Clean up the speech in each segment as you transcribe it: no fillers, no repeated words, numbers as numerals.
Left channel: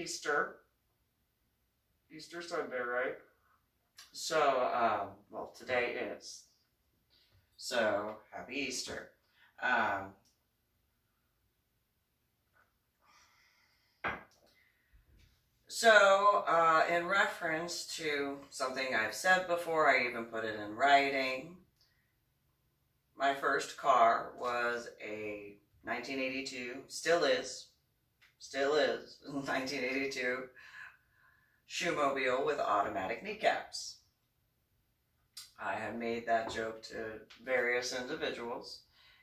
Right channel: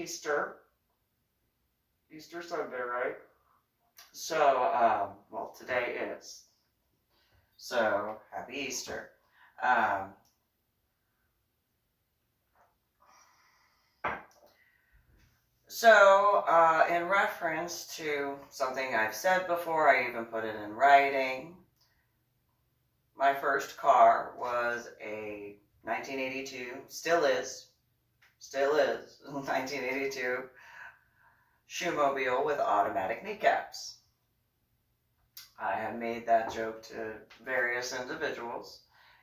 Easter Sunday, right? So, well, today is. So, happy Easter. In reference to something I've said before, I even put it in writing. My first car was a 1982, still is, 1982 shoemobile with automatic kneecaps. I have made that joke to various individuals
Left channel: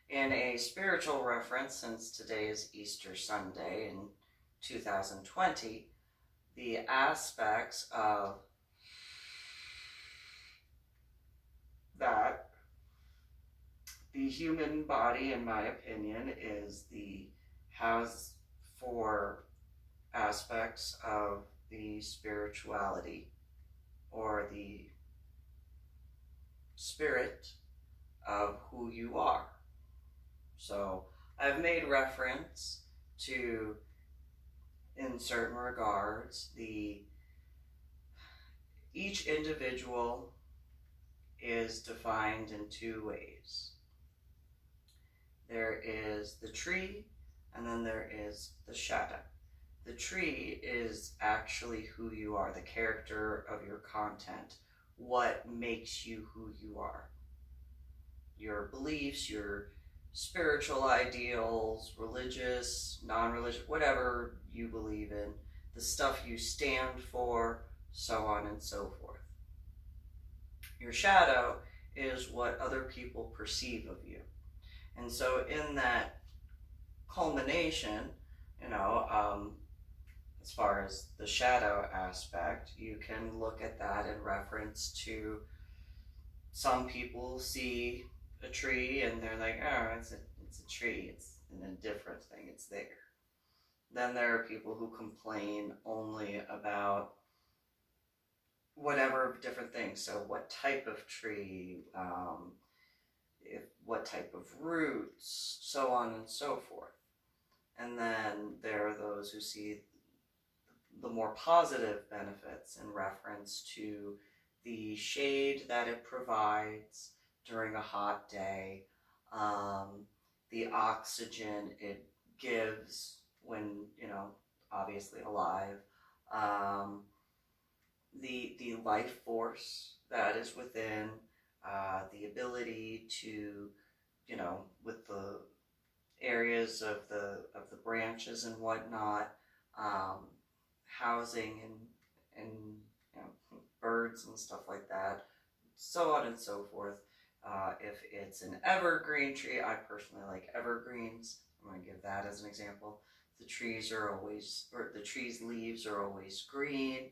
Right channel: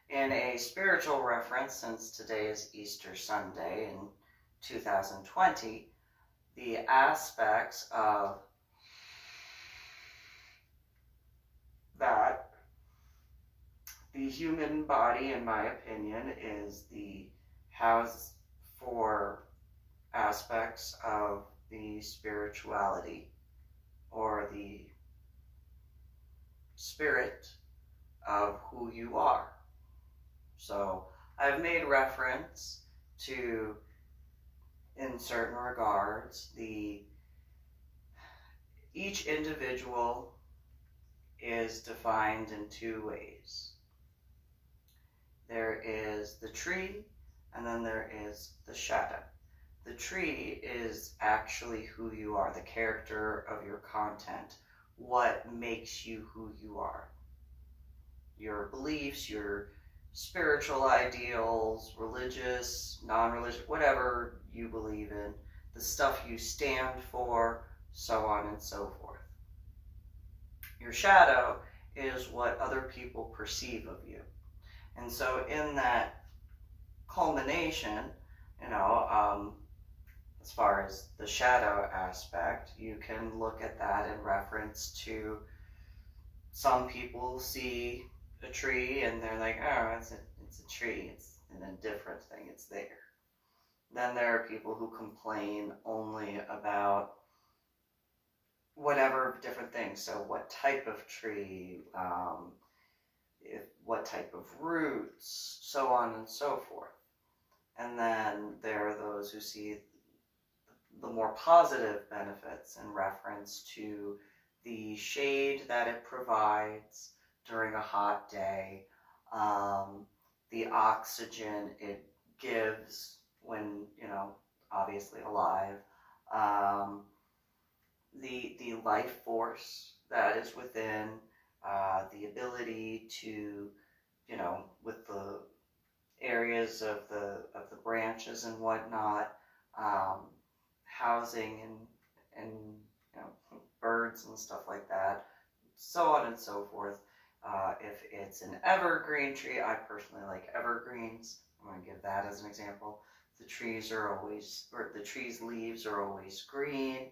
in a spiritual reference, since today is Easter Sunday in 2020. The aspects of that, the human body, in my opinion, has 4 aspects of the spirituality, or the spirit of who you are. So I've made reference to, in certain regards, each individual is defined in 2 ways. There is the tree, and then there is the shadow. The tree is actually who you are, the character of your content, what makes you who you are. Your beliefs, your spiritual ideals, religious, non-religious, whatever you believe in, the stuff you stand for, so on and so forth. Your shadow is what other people perceive of you. And so in that culmination, as far as the shadow aspect, you can look at that in reference to, some people see a tree and they're like, oh, it's a tree, it's an indifferent thing, it's there. Then there are people who complain only about whatever different things. So what type of tree, what type of roots, so on and so forth. And then there are those who see the more positive benefits in reference to the shade that it provides during a hot day, the oxygen it gives when, obviously alive, the life force that is within, the ability to, with the areas of the branches and whatnot, housing and birds and stuff like that, so on and so forth. If it's an evergreen tree, I personally like evergreens. I'm going to give that as an example. The trees leaves are always green,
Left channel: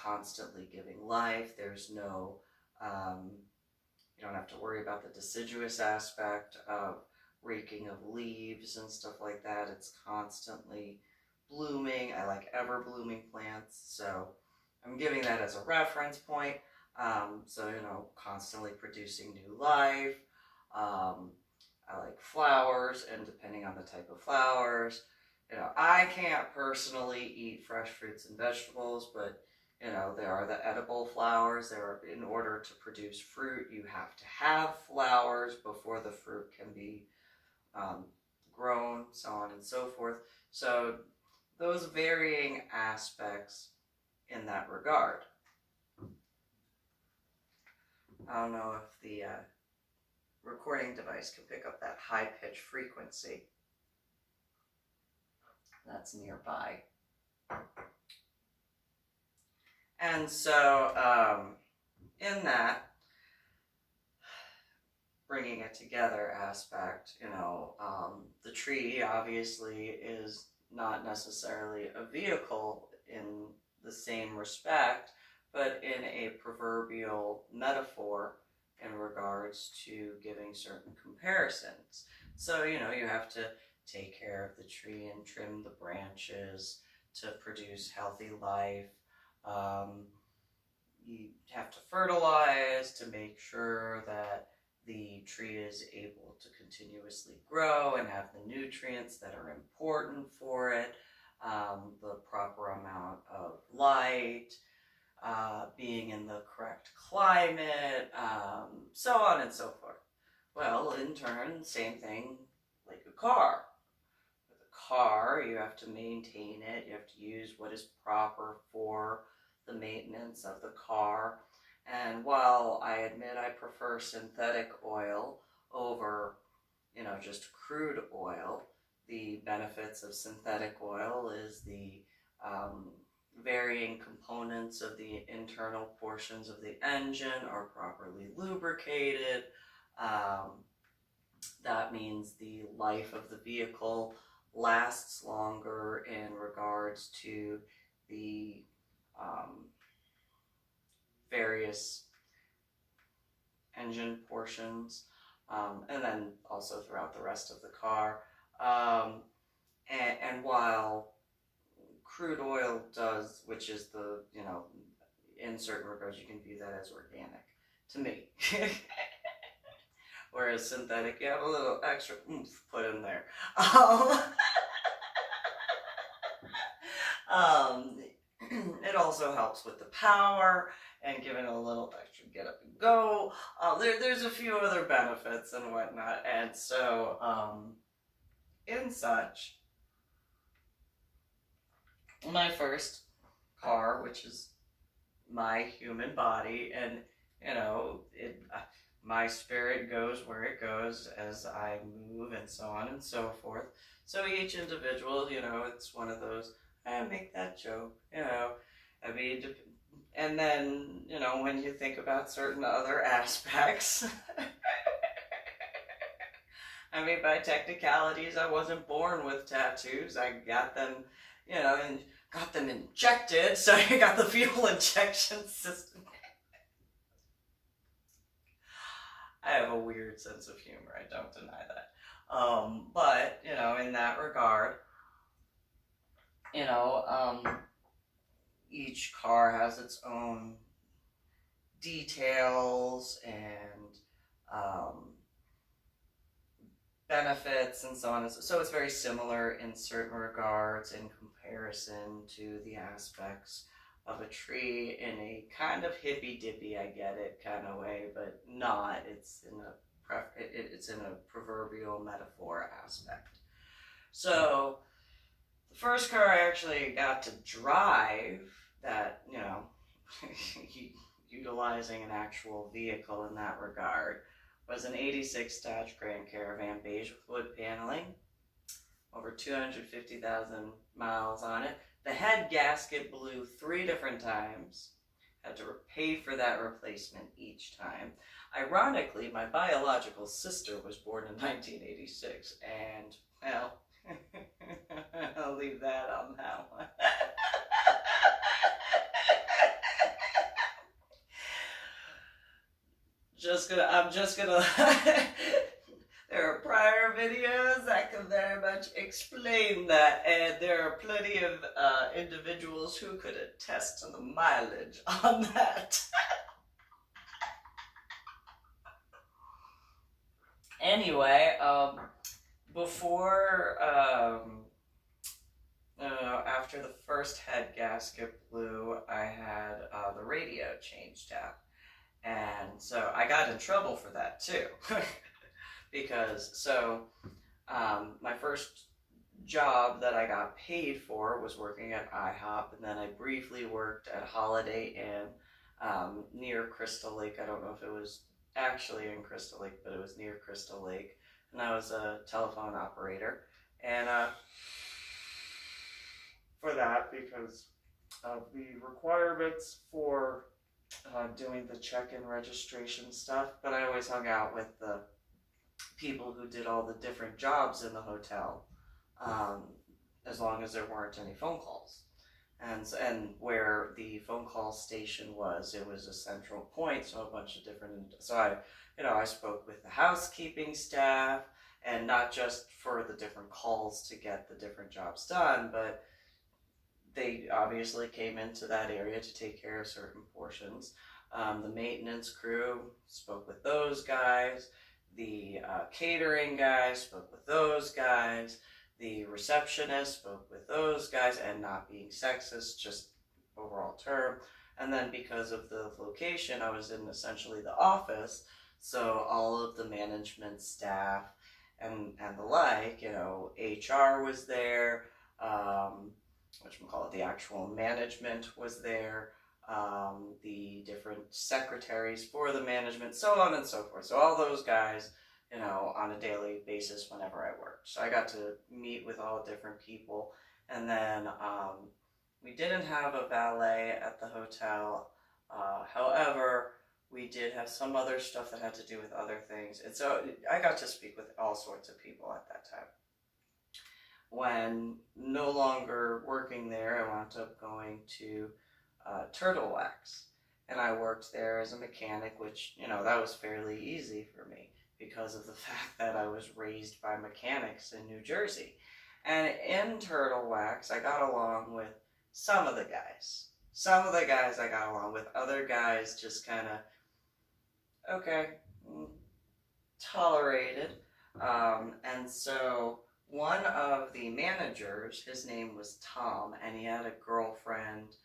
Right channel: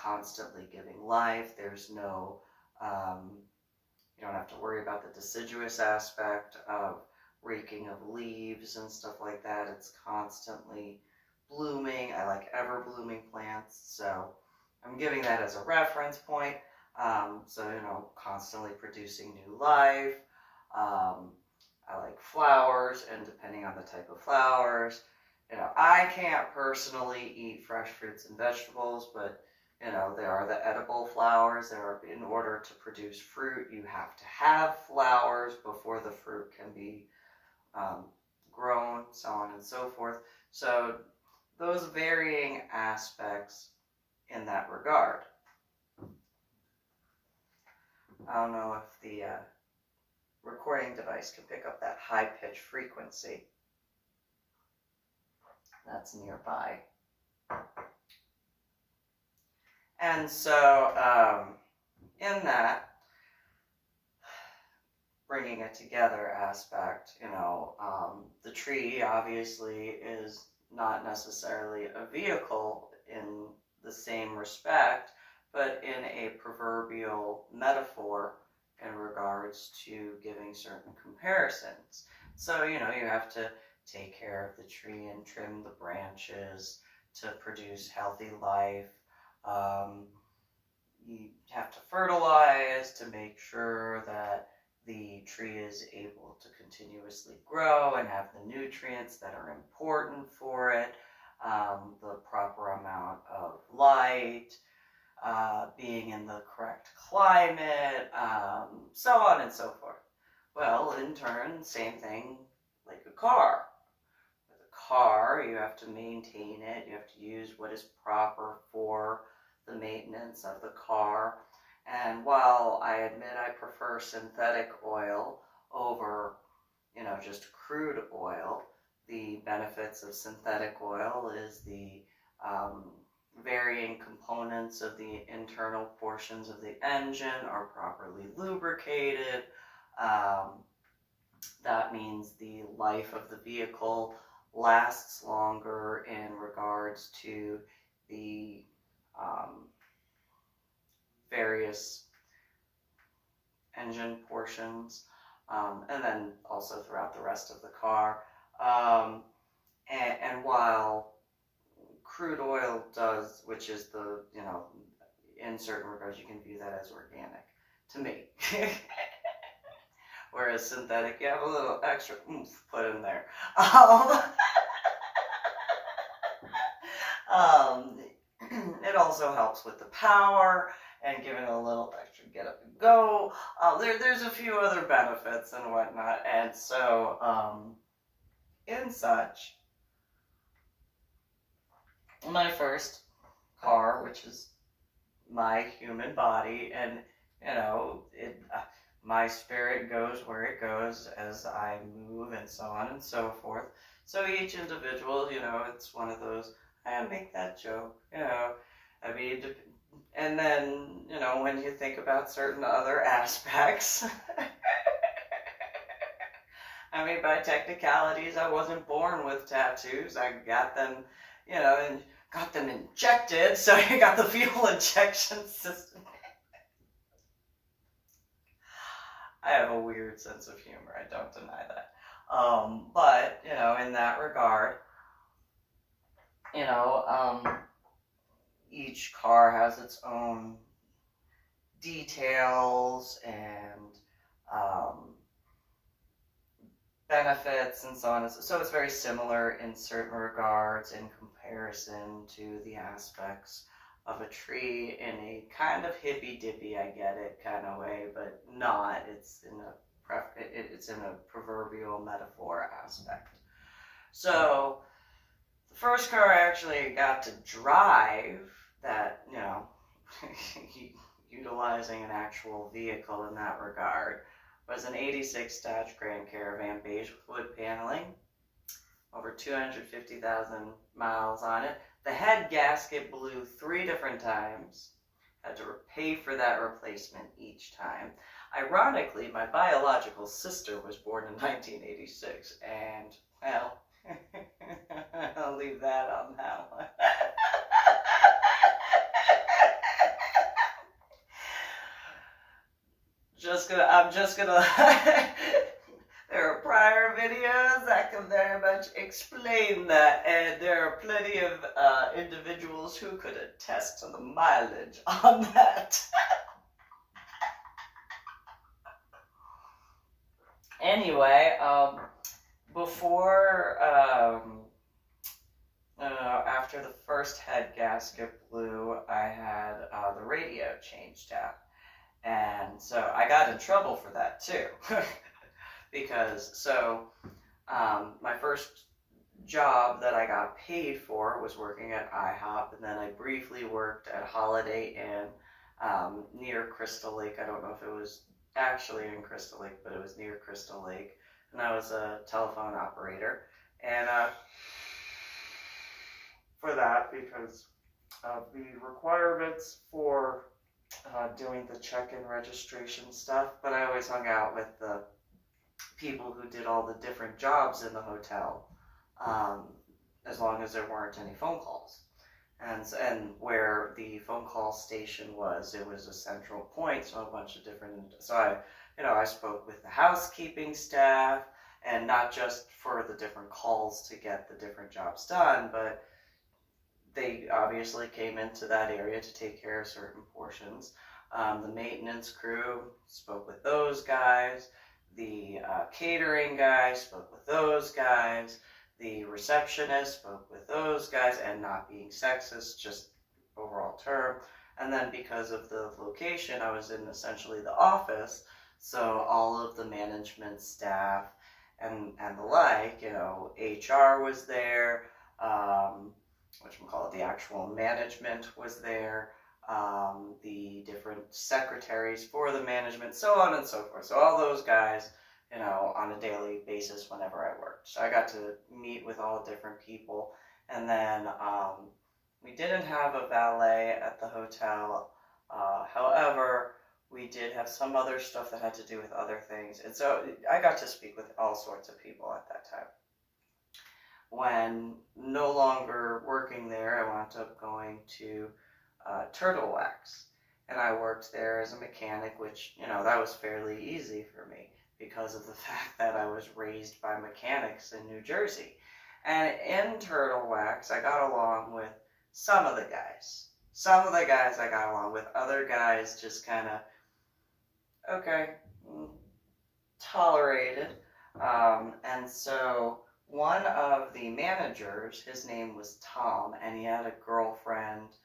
constantly giving life. There's no, you don't have to worry about the deciduous aspect of raking of leaves and stuff like that. It's constantly blooming. I like ever-blooming plants, so I'm giving that as a reference point. Constantly producing new life. I like flowers, and depending on the type of flowers, I can't personally eat fresh fruits and vegetables, but there are the edible flowers. In order to produce fruit, you have to have flowers before the fruit can be grown, so on and so forth. So those varying aspects in that regard. I don't know if the recording device can pick up that high-pitched frequency that's nearby. And so in that bringing it together aspect, the tree obviously is not necessarily a vehicle in the same respect, but in a proverbial metaphor in regards to giving certain comparisons. So, you have to take care of the tree and trim the branches to produce healthy life. You have to fertilize to make sure that the tree is able to continuously grow and have the nutrients that are important for it. the proper amount of light, being in the correct climate, so on and so forth. Well, in turn, same thing like a car. With a car, you have to maintain it, you have to use what is proper for the maintenance of the car. And while I admit I prefer synthetic oil over, just crude oil, the benefits of synthetic oil is the varying components of the internal portions of the engine are properly lubricated. That means the life of the vehicle lasts longer in regards to the various engine portions, and then also throughout the rest of the car. And while crude oil does, which is the, in certain regards, you can view that as organic to me. Whereas synthetic, you have a little extra oomph put in there. It also helps with the power and giving it a little extra get up and go. There's a few other benefits and whatnot. And so, in such, my first car, which is my human body, and my spirit goes where it goes as I move and so on and so forth. So each individual, it's one of those, I make that joke, I mean, and then, when you think about certain other aspects, I mean, by technicalities, I wasn't born with tattoos. I got them, and got them injected, so you got the fuel injection system. I have a weird sense of humor, I don't deny that. But, in that regard, each car has its own details and benefits and so on. So it's very similar in certain regards in comparison to the aspects of a tree in a kind of hippy-dippy, I get it, kind of way, but not. It's in a proverbial metaphor aspect. So the first car I actually got to drive that, utilizing an actual vehicle in that regard, was an 86 Dodge Grand Caravan beige with wood paneling, over 250,000 miles on it. The head gasket blew 3 different times. Had to pay for that replacement each time. Ironically, my biological sister was born in 1986, and, well, I'll leave that on that one. I'm just gonna there are prior videos that can very much explain that, and there are plenty of individuals who could attest to the mileage on that. Anyway, after the first head gasket blew, I had the radio changed out. And so I got in trouble for that too. Because, my first job that I got paid for was working at IHOP, and then I briefly worked at Holiday Inn near Crystal Lake. I don't know if it was actually in Crystal Lake, but it was near Crystal Lake. And I was a telephone operator. And for that, because of the requirements for doing the check-in registration stuff, but I always hung out with the people who did all the different jobs in the hotel, as long as there weren't any phone calls. And where the phone call station was, it was a central point, so a bunch of different, so I spoke with the housekeeping staff, and not just for the different calls to get the different jobs done, but they obviously came into that area to take care of certain portions. The maintenance crew, spoke with those guys. The catering guys, spoke with those guys. the receptionist, spoke with those guys, and not being sexist, just overall term. And then because of the location, I was in essentially the office, so all of the management staff and the like, you know, HR was there, whatchamacallit, the actual management was there, the different secretaries for the management, so on and so forth. So all those guys, you know, on a daily basis whenever I worked. So I got to meet with all different people. And then we didn't have a valet at the hotel. However, we did have some other stuff that had to do with other things. And so I got to speak with all sorts of people at that time. When no longer working there, I wound up going to Turtle Wax. And I worked there as a mechanic, which, you know, that was fairly easy for me because of the fact that I was raised by mechanics in New Jersey. And in Turtle Wax, I got along with some of the guys. Some of the guys I got along with. Other guys just kind of, okay, tolerated. And so one of the managers, his name was Tom, and he had a girlfriend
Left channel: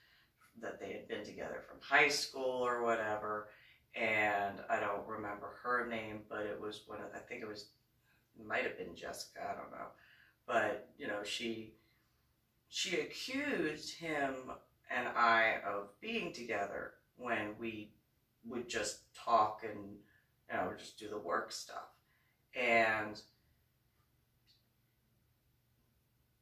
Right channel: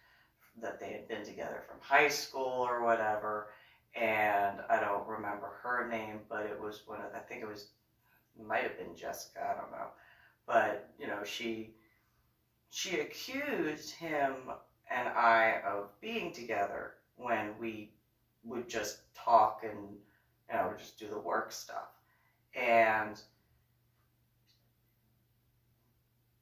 that they had been together from high school or whatever, and I don't remember her name, but it was one of, I think it was, might have been Jessica, I don't know, but, you know, she accused him and I of being together when we would just talk and, you know, just do the work stuff. And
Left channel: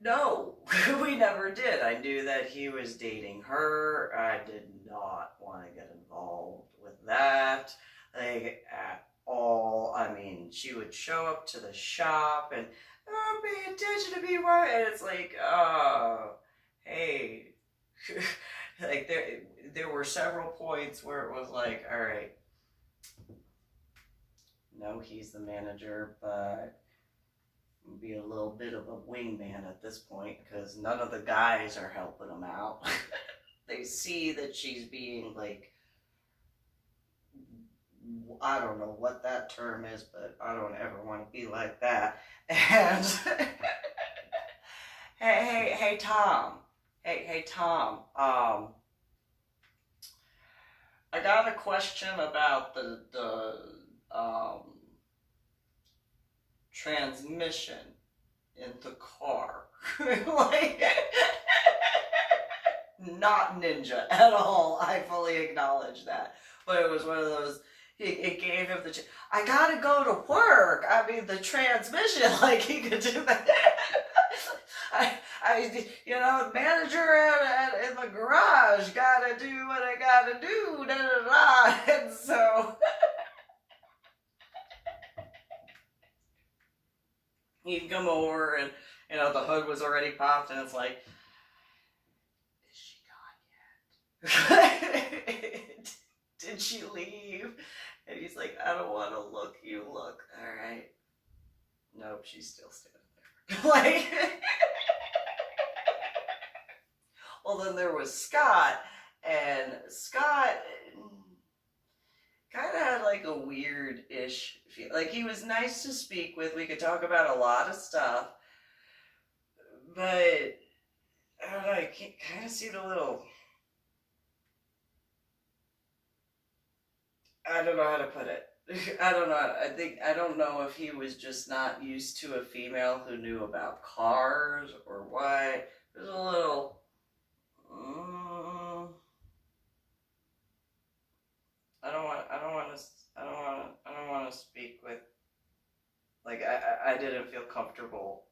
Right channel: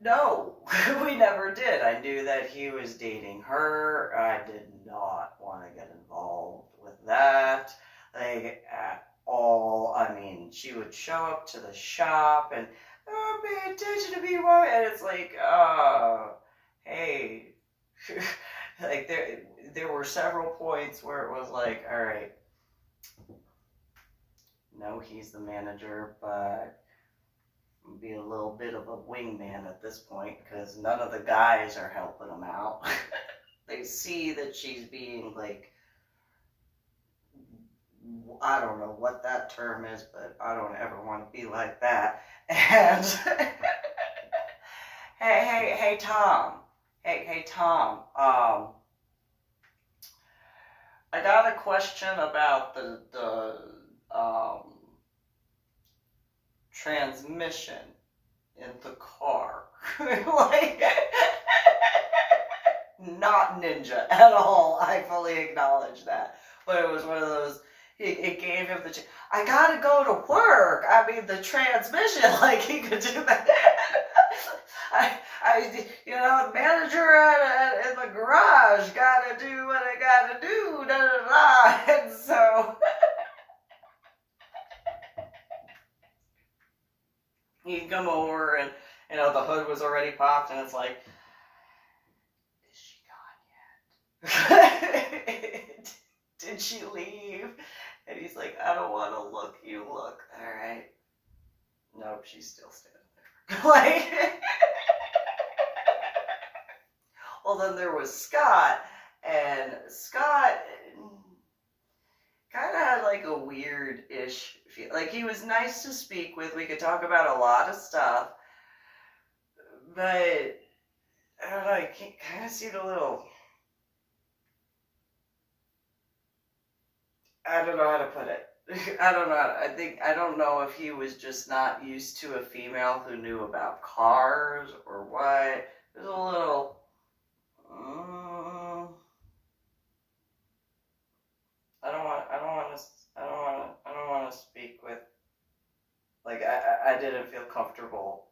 no, we never did. I knew that he was dating her. I did not want to get involved with that, like, at all. I mean, she would show up to the shop and, oh, pay attention to me, what? And it's like, hey, like, there were several points where it was like, all right, no, he's the manager, but be a little bit of a wingman at this point because none of the guys are helping him out. They see that she's being, like, I don't know what that term is, but I don't ever want to be like that. And hey Tom, hey Tom, I got a question about the transmission in the car. Like, not ninja at all. I fully acknowledge that. But it was one of those, it gave him the, I gotta go to work. I mean, the transmission, like, he could do that. You know, manager in the garage, gotta do what I gotta do, da da da. And so he'd come over and, you know, the hood was already popped and it's like, is she gone yet? Did she leave? And he's like, I don't want to look, you look. All right. Nope, she's still standing there. Like, well, then there was Scott, and Scott kind of had like a weird-ish feel. Like, he was nice to speak with. We could talk about a lot of stuff, but I don't know, I can kind of see the little, I don't know how to put it. I don't know. I don't know if he was just not used to a female who knew about cars or what. There's a little, I don't want to speak with, like, I didn't feel comfortable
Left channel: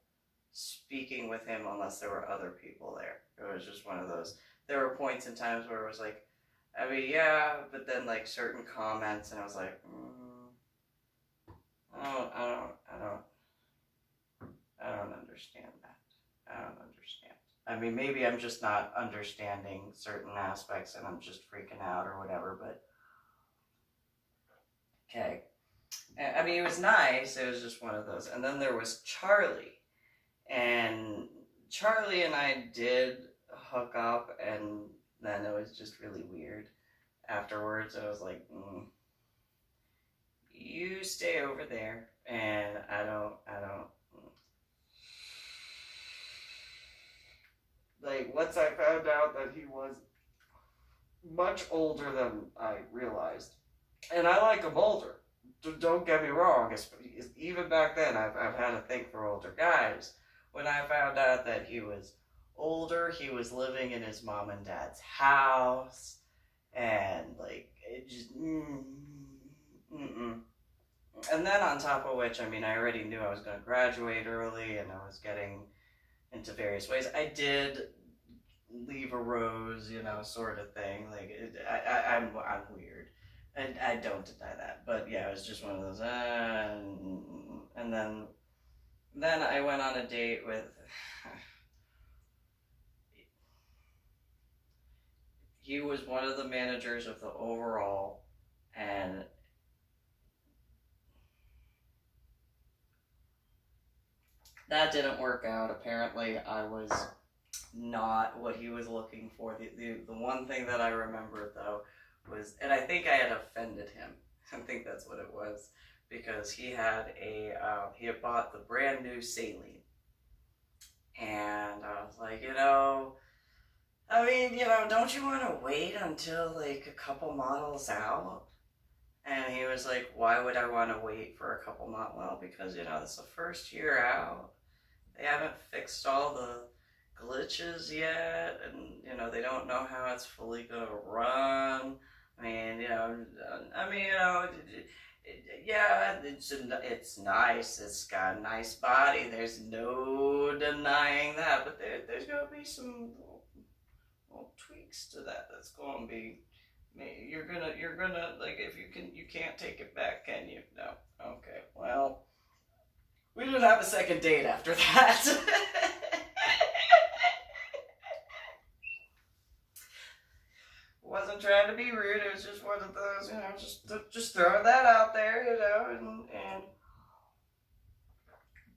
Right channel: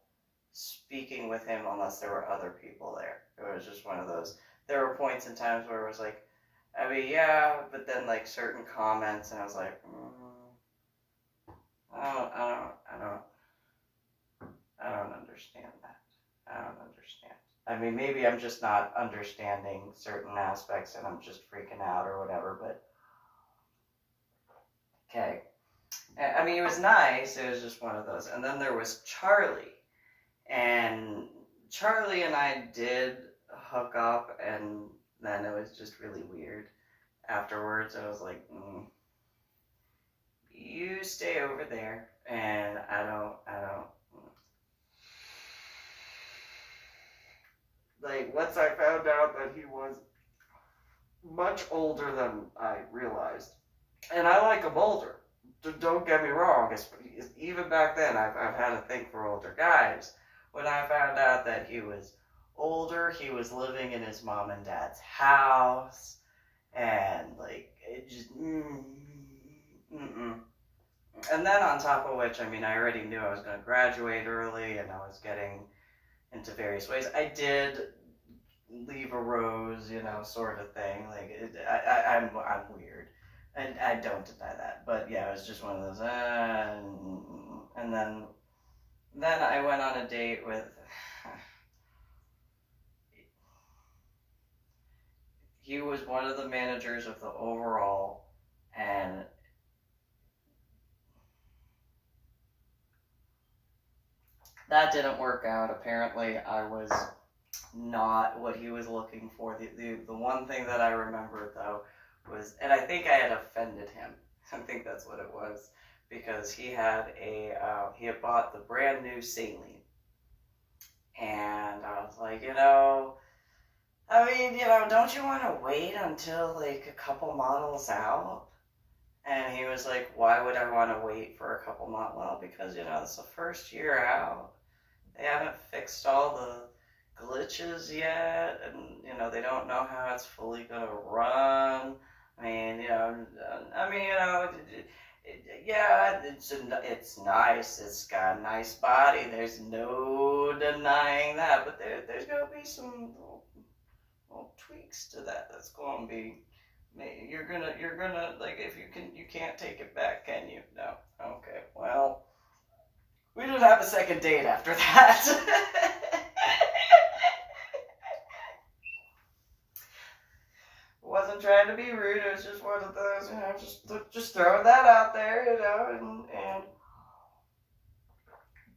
speaking with him unless there were other people there. It was just one of those, there were points and times where it was like, I mean, yeah, but then, like, certain comments, and I was like, I don't understand that. I don't understand. I mean, maybe I'm just not understanding certain aspects, and I'm just freaking out or whatever, but, okay. I mean, it was nice, it was just one of those. And then there was Charlie, and Charlie and I did hook up, and then it was just really weird. Afterwards, I was like, you stay over there, and I don't, like, once I found out that he was much older than I realized, and I like him older. Don't get me wrong. Even back then, I've had a thing for older guys. When I found out that he was older, he was living in his mom and dad's house, and like it just. And then on top of which, I mean, I already knew I was going to graduate early, and I was getting into various ways. I did leave a rose, sort of thing. Like I'm weird. I don't deny that, but yeah, it was just one of those. And then I went on a date with. He was one of the managers of the overall, and that didn't work out. Apparently, I was not what he was looking for. The one thing that I remember though was, and I think I had offended him. I think that's what it was, because he had bought the brand new saline, and I was like, I mean, don't you want to wait until like a couple models out? And he was like, why would I want to wait for a couple months? Well, because it's the first year out. They haven't fixed all the glitches yet, and they don't know how it's fully gonna run. I mean, yeah, it's nice. It's got a nice body. There's no denying that. But there's gonna be some little tweaks to that. That's gonna be. You're gonna like, if you can't take it back, can you? No. Okay. Well, we didn't have a second date after that. Wasn't trying to be rude. It was just one of those, just throwing that out there, and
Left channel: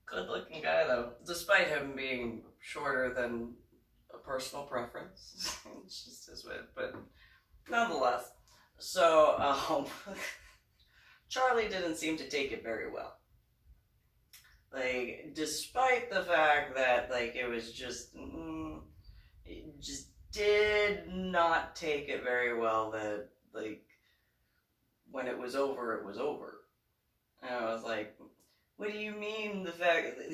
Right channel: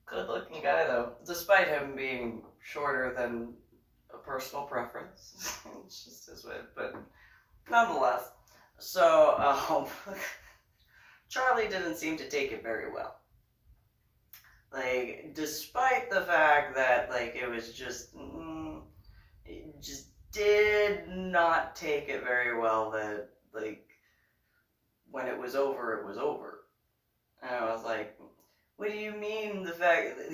good looking guy though, despite him being shorter than a personal preference. It's just his way, but nonetheless. So, Charlie didn't seem to take it very well. Like, despite the fact that, like, it was it just did not take it very well that, like, when it was over, it was over. And I was like, what do you mean the fact that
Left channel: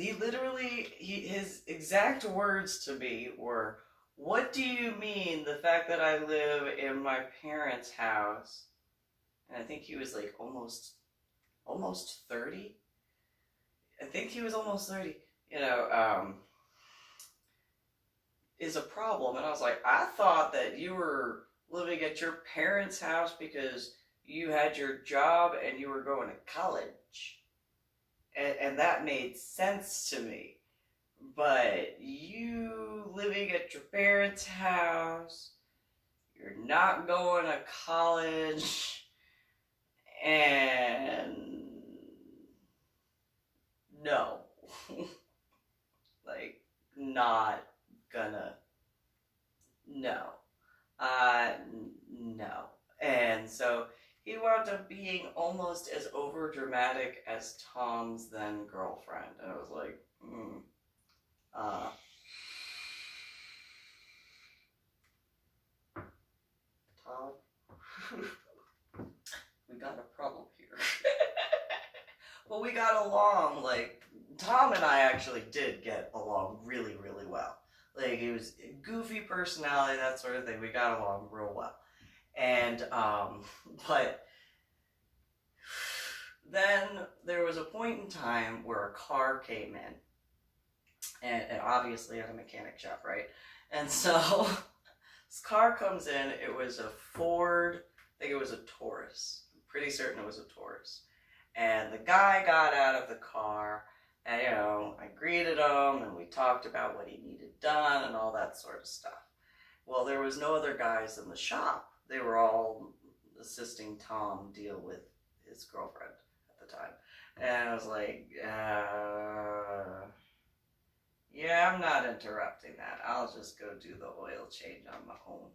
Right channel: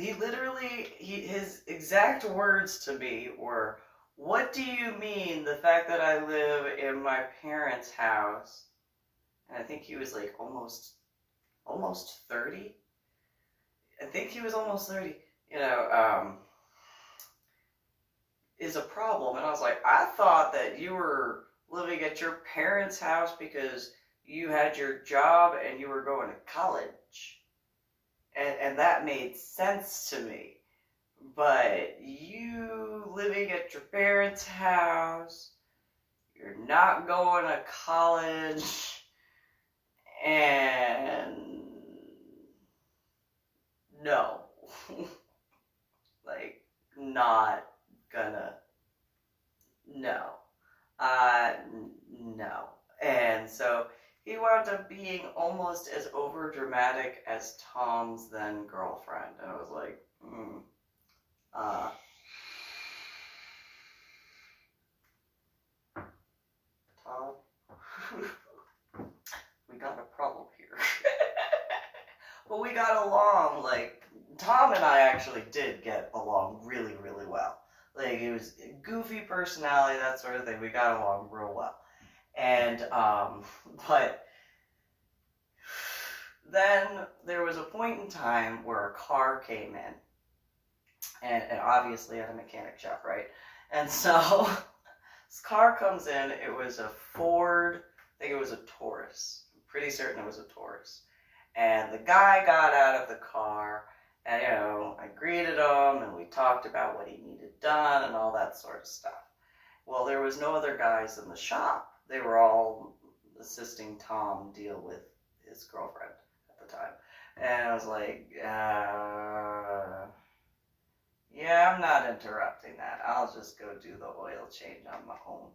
his exact words to me were, what do you mean the fact that I live in my parents' house? And I think he was like almost 30. I think he was almost 30, is a problem. And I was like, I thought that you were living at your parents' house because you had your job and you were going to college. And that made sense to me. But you living at your parents' house, you're not going to college, and no. Like, not gonna, no. No. And so he wound up being almost as over dramatic as Tom's then girlfriend. And I was like, Tom, we got a problem here. Well, we got along, like, Tom and I actually did get along really, really well. Like, he was a goofy personality, that sort of thing. We got along real well. And, but then there was a point in time where a car came in. And obviously at a mechanic shop, right? And so this car comes in. It was a Ford. I think it was a Taurus. I'm pretty certain it was a Taurus. And the guy got out of the car, and I greeted him, and we talked about what he needed done and all that sort of stuff. Well, there was no other guys in the shop. They were all assisting Tom deal with his girlfriend at the time. And I was like, yeah, I'm not interrupting that. I'll just go do the oil change on my own.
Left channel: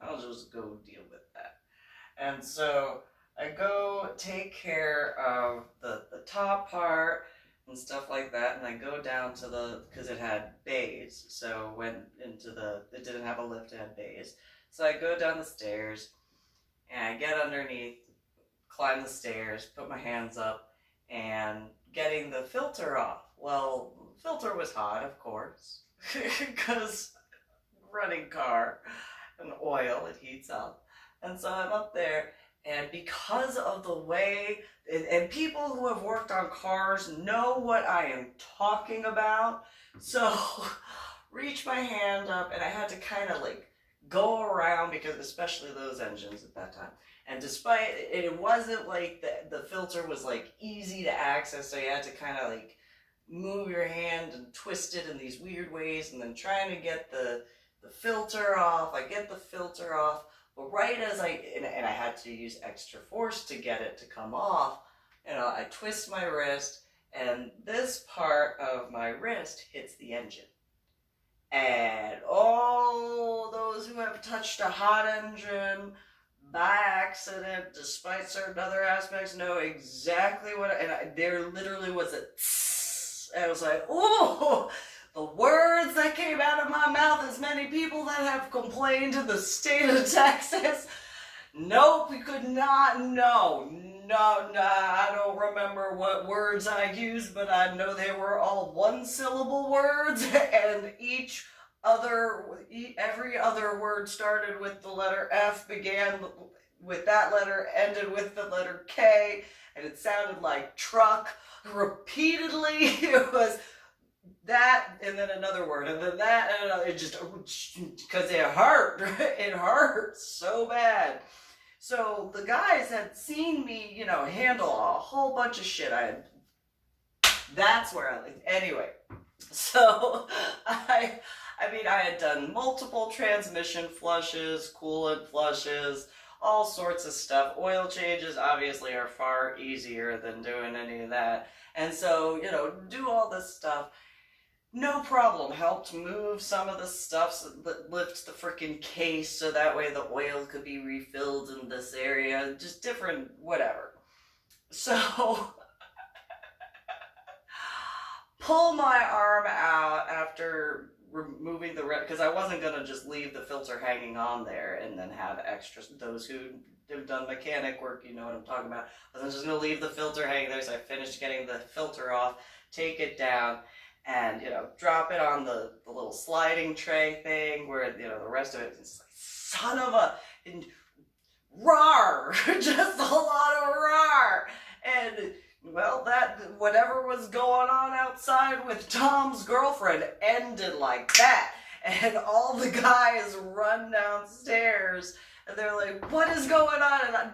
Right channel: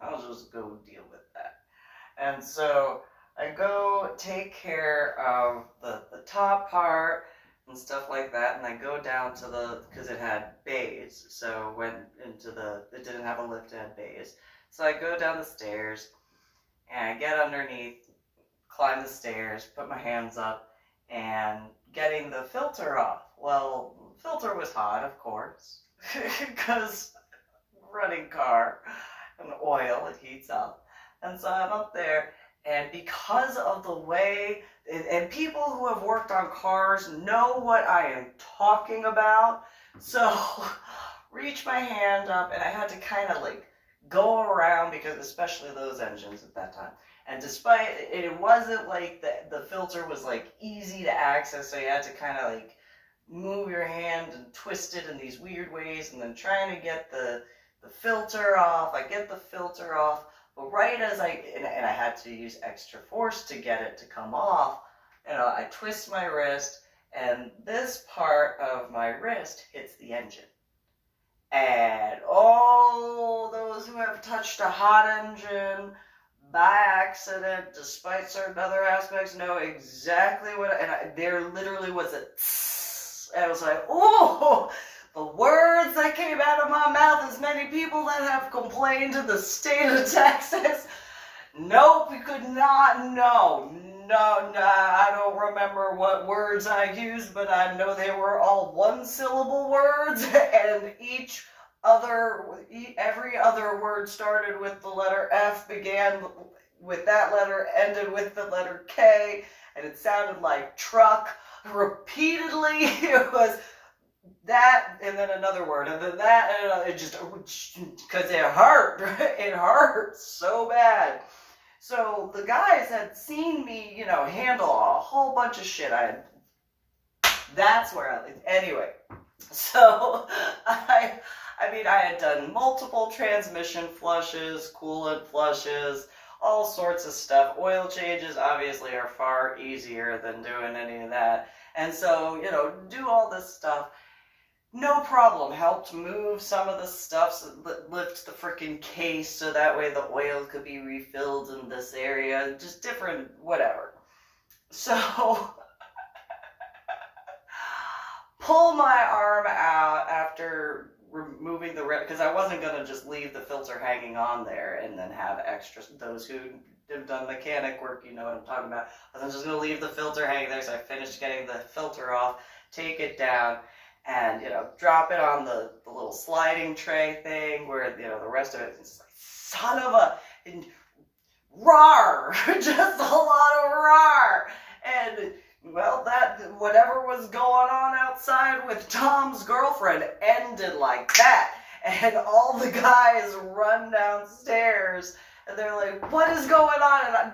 I'll just go deal with that. And so I go take care of the top part, and stuff like that. And I go down to because it had bays, so went into it didn't have a lift, it had bays. So I go down the stairs, and I get underneath, climb the stairs, put my hands up, and getting the filter off. Well, the filter was hot, of course, because running car and oil, it heats up. And so I'm up there, and because of the way, and people who have worked on cars know what I am talking about, so reach my hand up, and I had to kind of like go around, because especially those engines at that time. And despite it wasn't like the filter was like easy to access, so you had to kind of like move your hand and twist it in these weird ways, and then trying to get the filter off. I get the filter off, but right as and I had to use extra force to get it to come off, I twist my wrist, and this part of my wrist hits the engine. And all those who have touched a hot engine by accident, despite certain other aspects, know exactly there literally was a tss, and I was like, oh, the words that came out of my mouth, as many people that have complained to the state of Texas, nope, we could not, no, I don't remember what words I used, but I know they were all one-syllable words, and every other word started with the letter F, began with that letter, ended with the letter K, and it sounded like truck repeatedly. It was that, and then another word, and then that, and another, it just, because it hurt. It hurt so bad. So the guys had seen me, handle a whole bunch of shit. That's where anyway. So I had done multiple transmission flushes, coolant flushes, all sorts of stuff. Oil changes obviously are far easier than doing any of that. And so, do all this stuff. No problem. Helped move some of the stuff, lift the freaking case so that way the oil could be refilled in this area. Just different, whatever. So, pull my arm out after removing because I wasn't going to just leave the filter hanging on there and then have extra. Those who have done mechanic work, you know what I'm talking about. I wasn't just going to leave the filter hanging there, so I finished getting the filter off, take it down, and, drop it on the little sliding tray thing where, the rest of it is like, son of a, rawr, just a lot of rawr. And, well, that, whatever was going on outside with Tom's girlfriend ended like that. And all the guys run downstairs, and they're like, what is going on?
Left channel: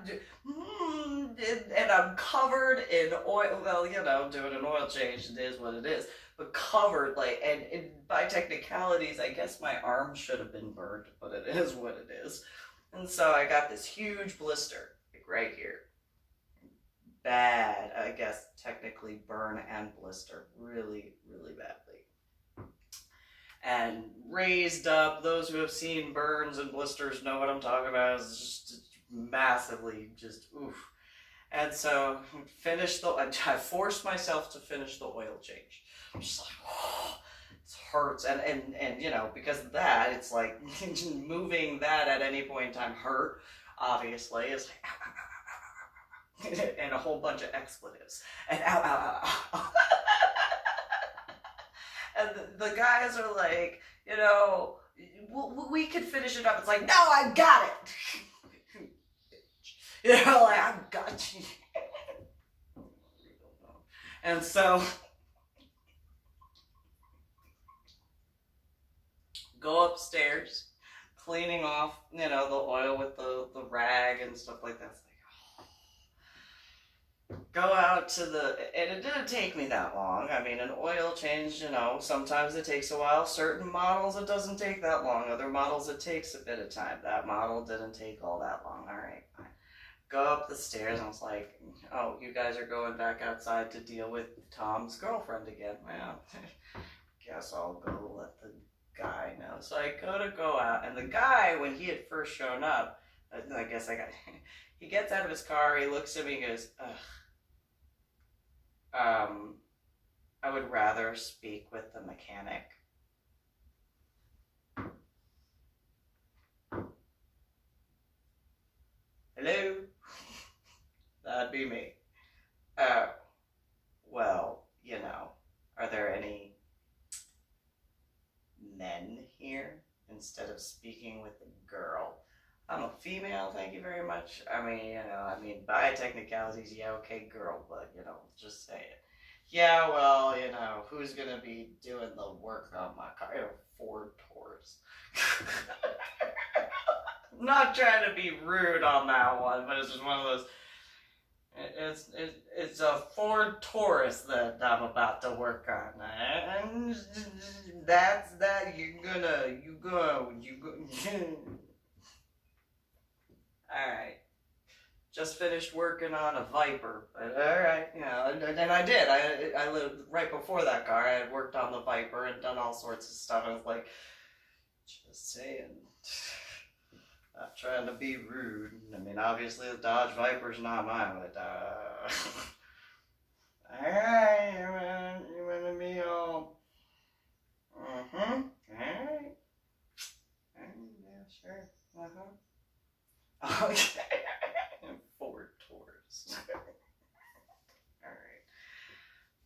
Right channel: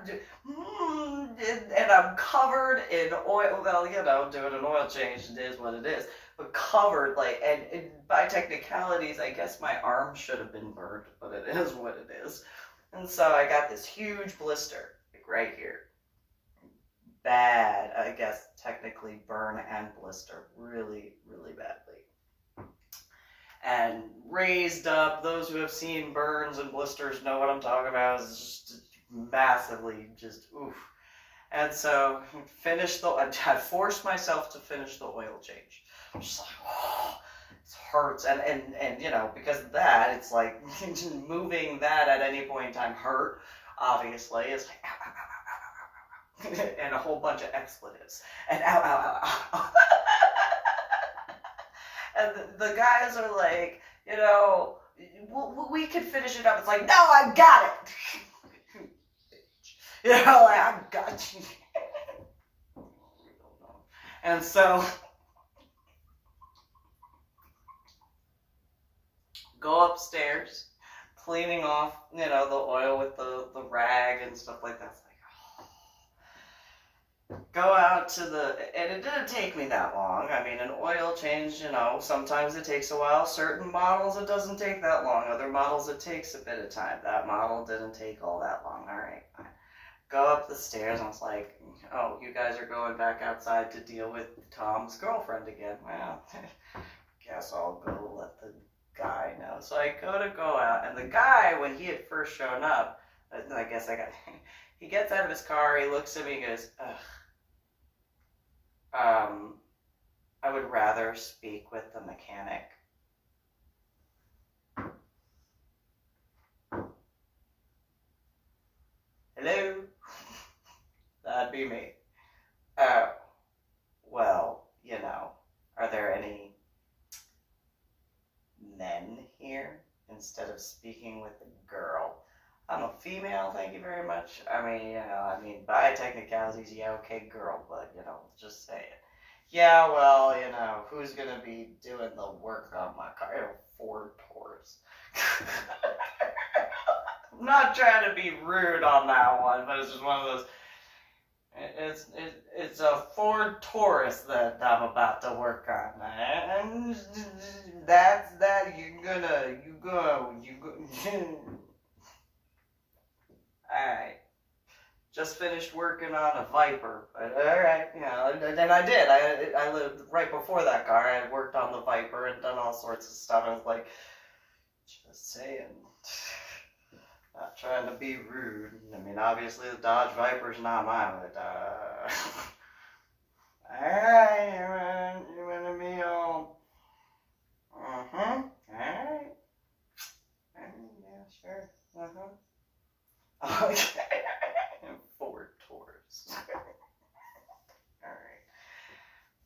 And I'm covered in oil. Well, doing an oil change, it is what it is. But covered, and by technicalities, I guess my arm should have been burned, but it is what it is. And so I got this huge blister, right here. Bad, I guess, technically burn and blister, really, really badly. And raised up, those who have seen burns and blisters know what I'm talking about. It's just massively, just oof. And so, I forced myself to finish the oil change. I'm just like, oh, it hurts. And because of that, it's like, moving that at any point in time hurt, obviously. It's like, ow, ow, ow, ow, ow, ow, ow. And a whole bunch of expletives. And ow, ow, ow, ow. And the guys are like, we could finish it up. It's like, no, I got it. I got you. And so, go upstairs, cleaning off, the oil with the rag and stuff like that. It's like, oh. Go out to and it didn't take me that long. I mean, an oil change, sometimes it takes a while. Certain models, it doesn't take that long. Other models, it takes a bit of time. That model didn't take all that long. All right, fine. Go up the stairs, and I was like, oh, you guys are going back outside to deal with Tom's girlfriend again. Well, guess I'll go let the guy know. So I go out, and the guy, when he had first shown up, he gets out of his car, he looks at me, and goes, ugh. I would rather speak with the mechanic. Hello? That'd be me. Oh, well, are there any men here instead of speaking with a girl? I'm a female, thank you very much. I mean, by technicalities, yeah, okay, girl, but, just say it. Yeah, well, who's gonna be doing the work on my car? I have a Ford Taurus. I'm not trying to be rude on that one, but it's just one of those. It's a Ford Taurus that I'm about to work on, and that's that. You go. All right. Just finished working on a Viper, but all right, and I did. I lived right before that car. I had worked on the Viper and done all sorts of stuff. I was like, just saying. Not trying to be rude. I mean, obviously the Dodge Viper's not mine, but alright, you wanna be all alright. Yeah, sure. Okay. Ford Taurus. Alright.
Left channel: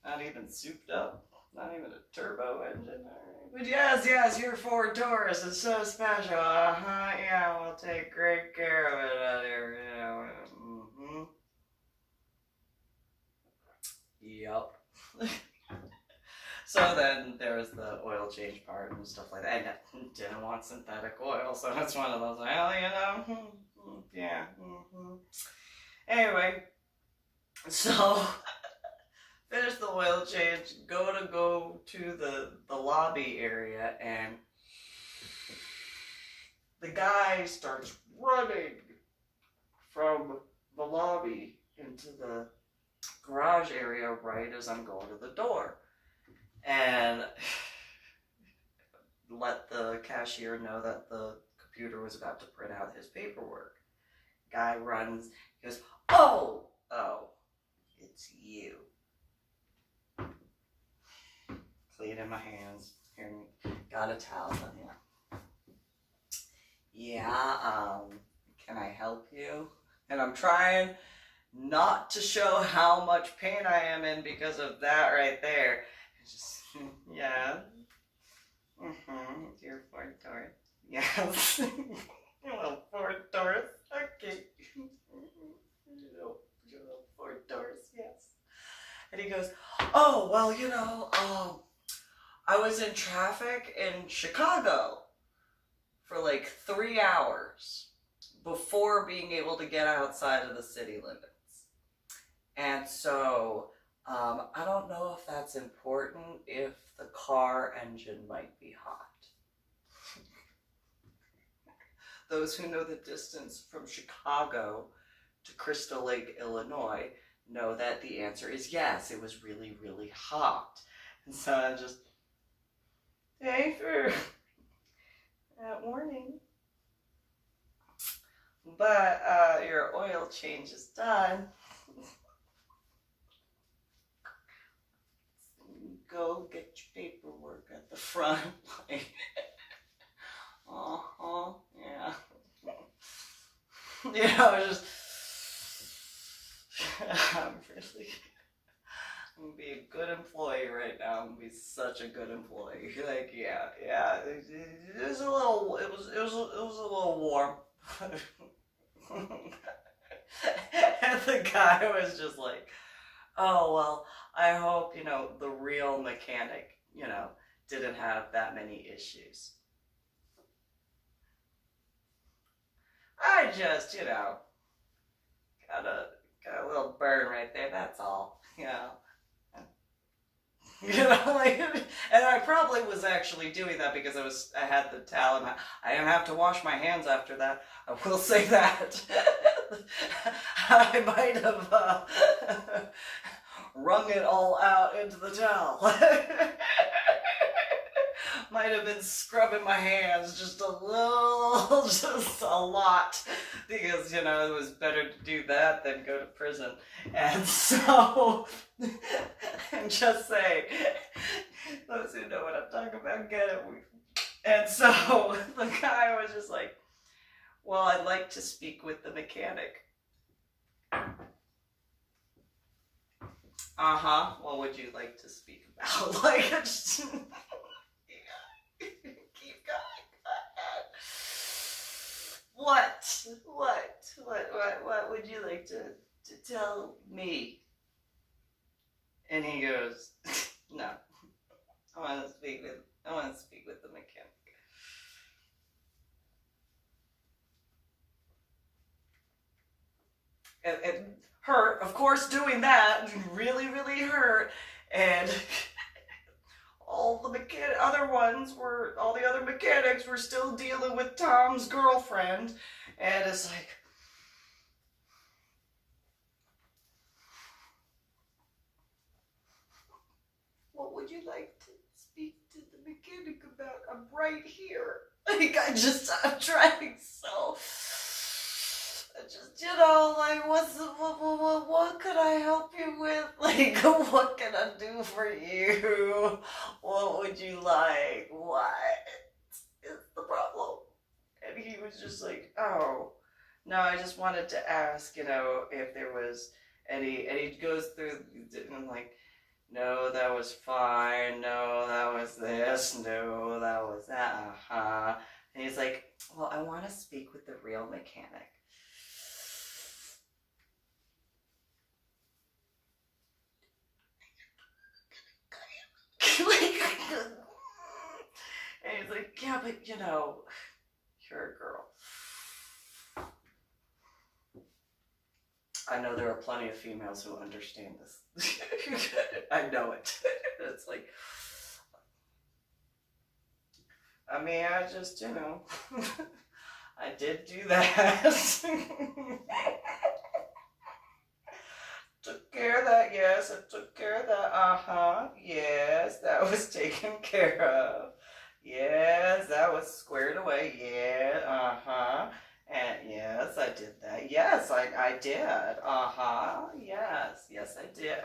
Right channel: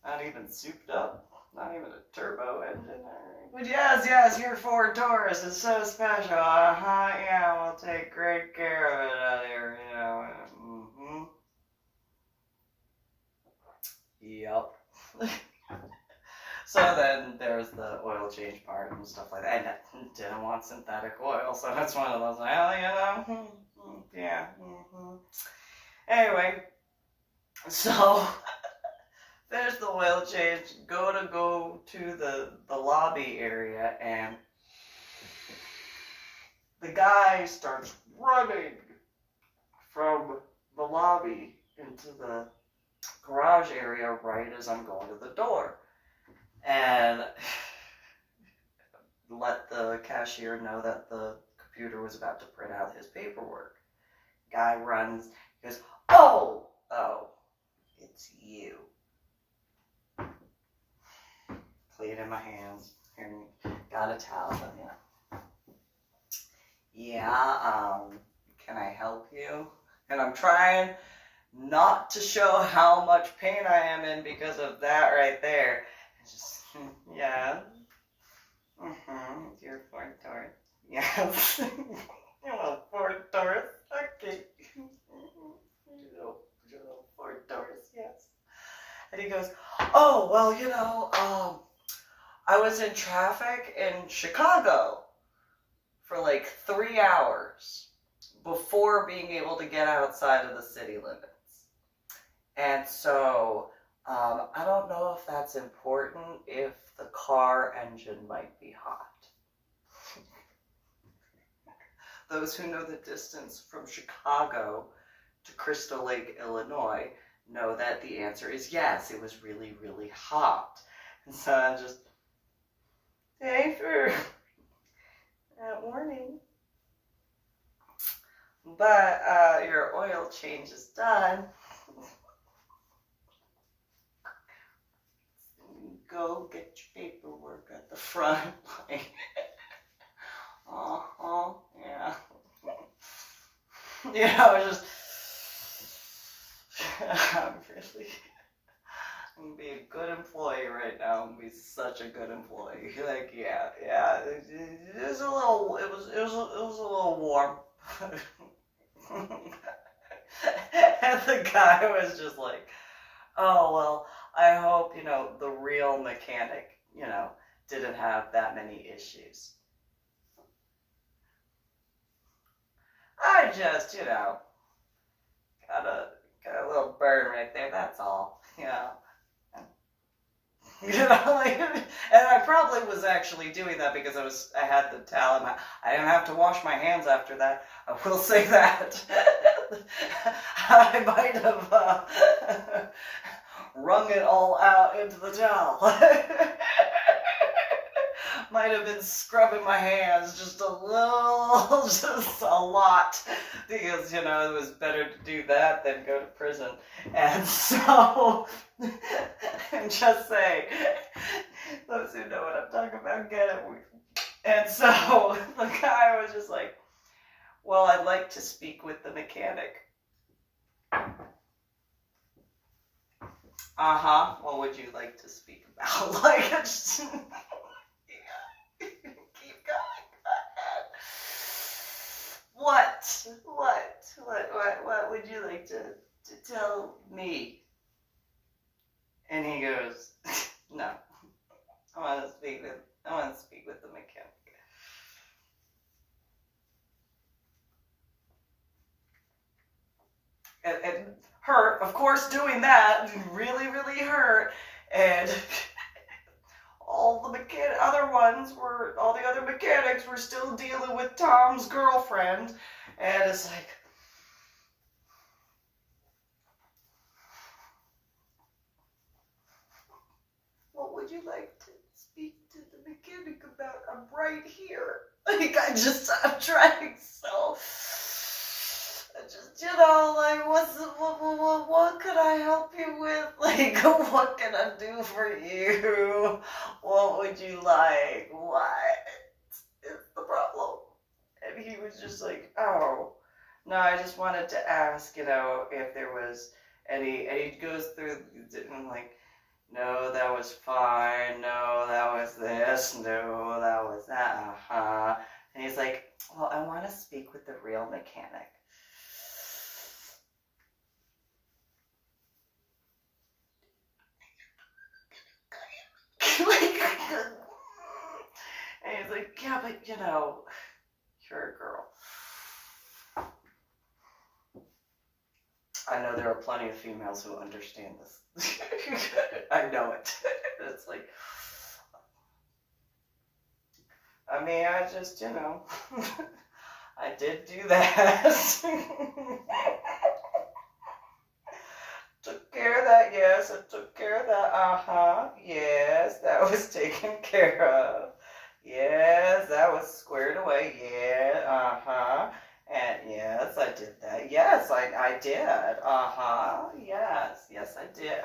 Not even souped up. Not even a turbo engine. Right. But yes, your Ford Taurus is so special. Yeah, we'll take great care of it out here, Yep. So then there's the oil change part and stuff like that. And I didn't want synthetic oil, so that's one of those, yeah. Anyway, so finish the oil change, go to the lobby area, and the guy starts running from the lobby into the garage area right as I'm going to the door. And let the cashier know that the computer was about to print out his paperwork. Guy runs, he goes, oh, it's you. Cleaning my hands. Here, got a towel, yeah, can I help you? And I'm trying not to show how much pain I am in because of that right there. Just, yeah. Your Ford Taurus. Yes. Little Ford Taurus. Okay. Little Ford Taurus, yes. And he goes, oh, well, I was in traffic in Chicago for like 3 hours before being able to get outside of the city limits. And so, I don't know if that's important, if the car engine might be hot. Those who know the distance from Chicago to Crystal Lake, Illinois, know that the answer is yes, it was really, really hot. And so I just, thanks for that warning. But your oil change is done. Go get your paperwork at the front. Yeah. Just I'm gonna be a good employee right now. I'm gonna be such a good employee. Like, yeah. It was a little warm. And the guy was just like, oh, well, I hope, the real mechanic, didn't have that many issues. I just, got a little burn right there, that's all, and I probably was actually doing that because I had the towel, and I didn't have to wash my hands after that. I will say that. I might have wrung it all out into the towel. Might have been scrubbing my hands just a lot because, it was better to do that than go to prison. And so, I'm just saying, those who know what I'm talking about get it. And so, the guy was just like, well, I'd like to speak with the mechanic. What would you like to speak about? Like, just, keep going. Go ahead. What would you like to tell me? And he goes, no, I want to speak with the mechanic. And hurt, of course, doing that really, really hurt. And all the other mechanics were still dealing with Tom's girlfriend. And it's like, what would you like to speak to the mechanic about? I'm right here. Like, I'm trying so. Just, like, what could I help you with? Like, what can I do for you? What would you like? What is the problem? And he was just like, oh, no, I just wanted to ask, if there was any, and he goes through, and I'm like, no, that was fine, no, that was this, no, that was that, And he's like, well, I want to speak with the real mechanic. And he's like, yeah, but you're a girl. I know there are plenty of females who understand this. I know it. It's like, I mean, I just, I did do that. Took care of that, yes, I took care of that, yes, that was taken care of. Yes, that was squared away, yeah, and yes, I did that. Yes, I did, yes, I did,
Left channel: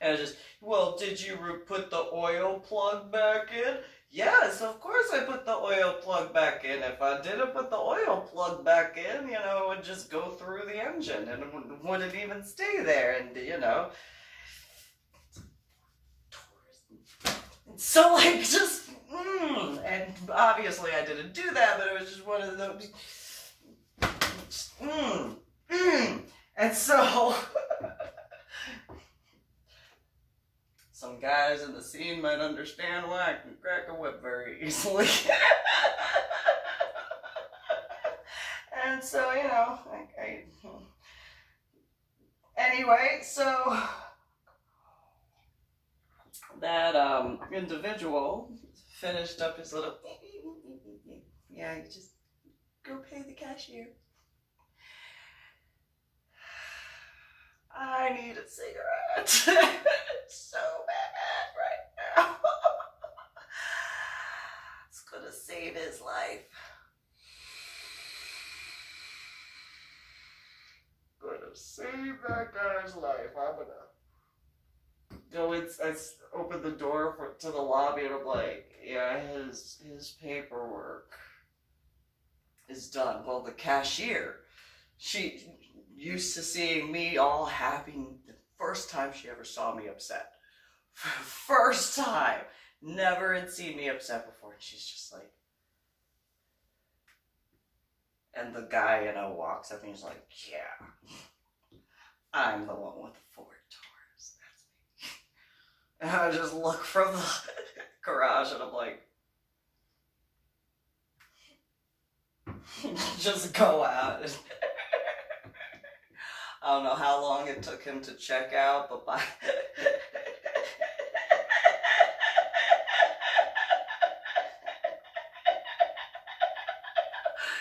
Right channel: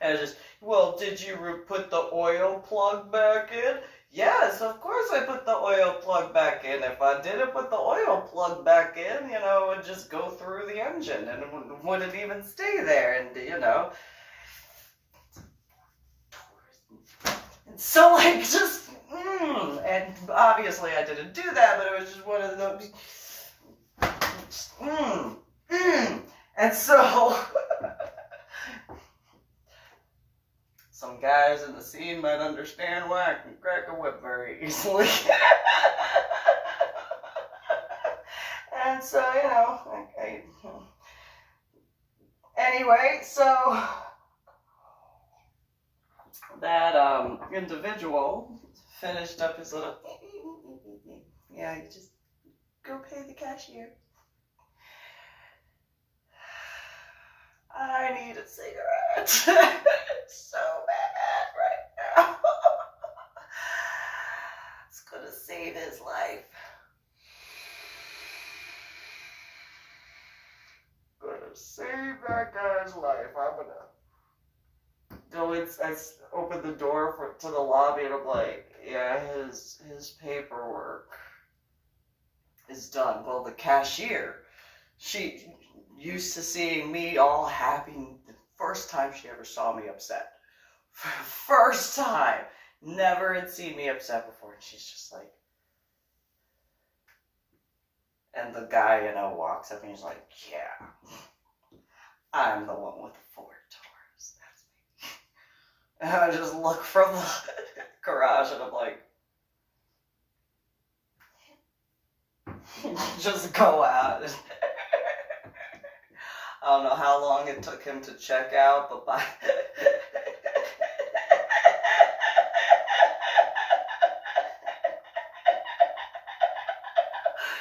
and it just, well, did you put the oil plug back in? Yes, of course I put the oil plug back in. If I didn't put the oil plug back in, it would just go through the engine and it wouldn't even stay there, and and so like just, and obviously I didn't do that, but it was just one of those, and so, some guys in the scene might understand why I can crack a whip very easily. And so, anyway, so that individual finished up his little, yeah, you just go pay the cashier. I need a cigarette. So bad right now. It's gonna save his life. Gonna save that guy's life. I'm gonna go in. I open the door to the lobby and I'm like, yeah, his paperwork is done. Well, the cashier, she used to seeing me all happy. The first time she ever saw me upset. First time. Never had seen me upset before. And she's just like, and the guy, walks up and he's like, yeah, I'm the one with the Ford Taurus. That's me. And I just look from the garage and I'm like, just go out. I don't know how long it took him to check out, but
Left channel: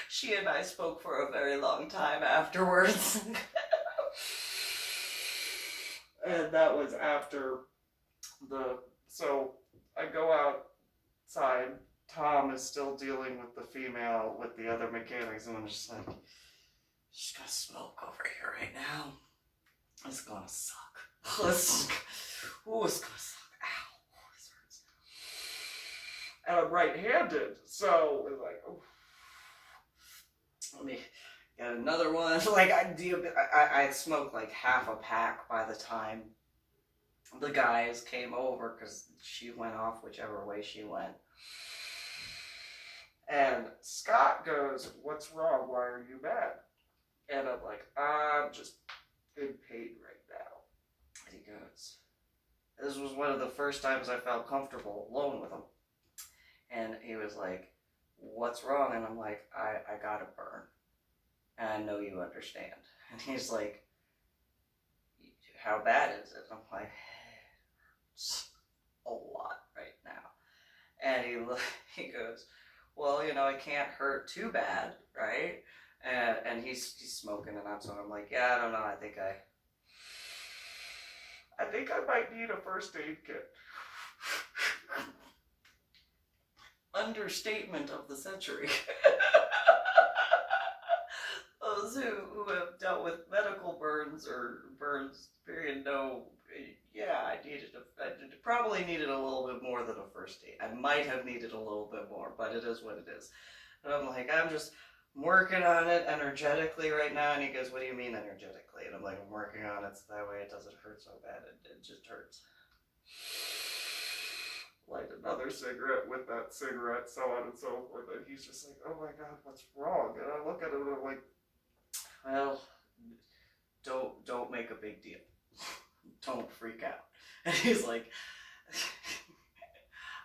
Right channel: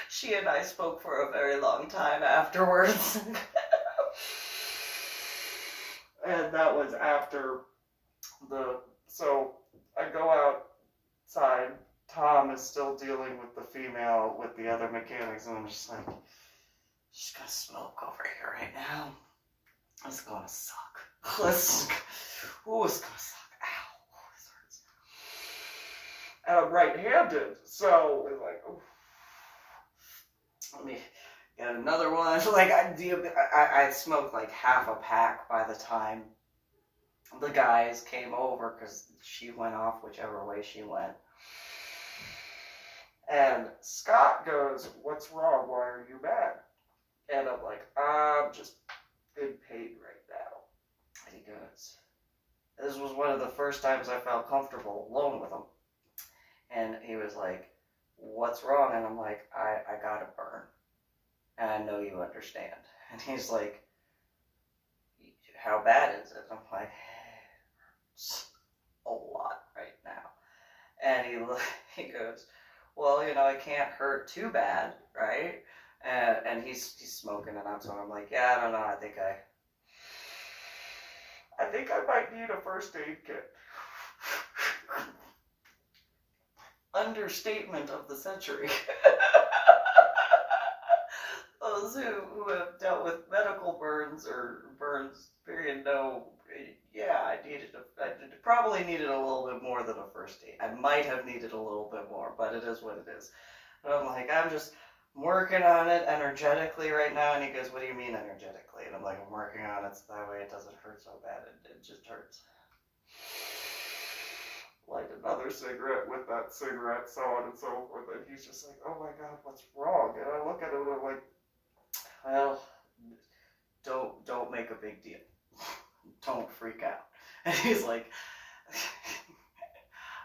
she and I spoke for a very long time afterwards. And that was after so I go outside Tom is still dealing with the female with the other mechanics, and I'm just like, she's gonna smoke over here right now. It's gonna suck. Ooh, it's gonna suck. Ow, this hurts. And I'm right-handed, so it's like, oh. Let me get another one. Like I smoked like half a pack by the time the guys came over, because she went off whichever way she went. And Scott goes, "What's wrong? Why are you mad?" And I'm like, "I'm just in pain right now." And he goes, this was one of the first times I felt comfortable alone with him. And he was like, "What's wrong?" And I'm like, I got a burn. And I know you understand. And he's like, "How bad is it?" I'm like, "It's a lot right now." And he goes, "Well, you know, it can't hurt too bad, right?" And he's smoking it out, so I'm like, "Yeah, I don't know. I think I might need a first aid kit." Understatement of the century. Those who have dealt with medical burns or burns, period, know. Yeah, I probably needed a little bit more than a first aid. I might have needed a little bit more, but it is what it is. And I'm like, I'm working on it energetically right now. And he goes, "What do you mean energetically?" And I'm like, "I'm working on it so that way it doesn't hurt so bad. It just hurts." Light another cigarette with that cigarette, so on and so forth. And he's just like, "Oh my God, what's wrong?" And I look at him and I'm like, "Well, don't make a big deal. Don't freak out." And he's like,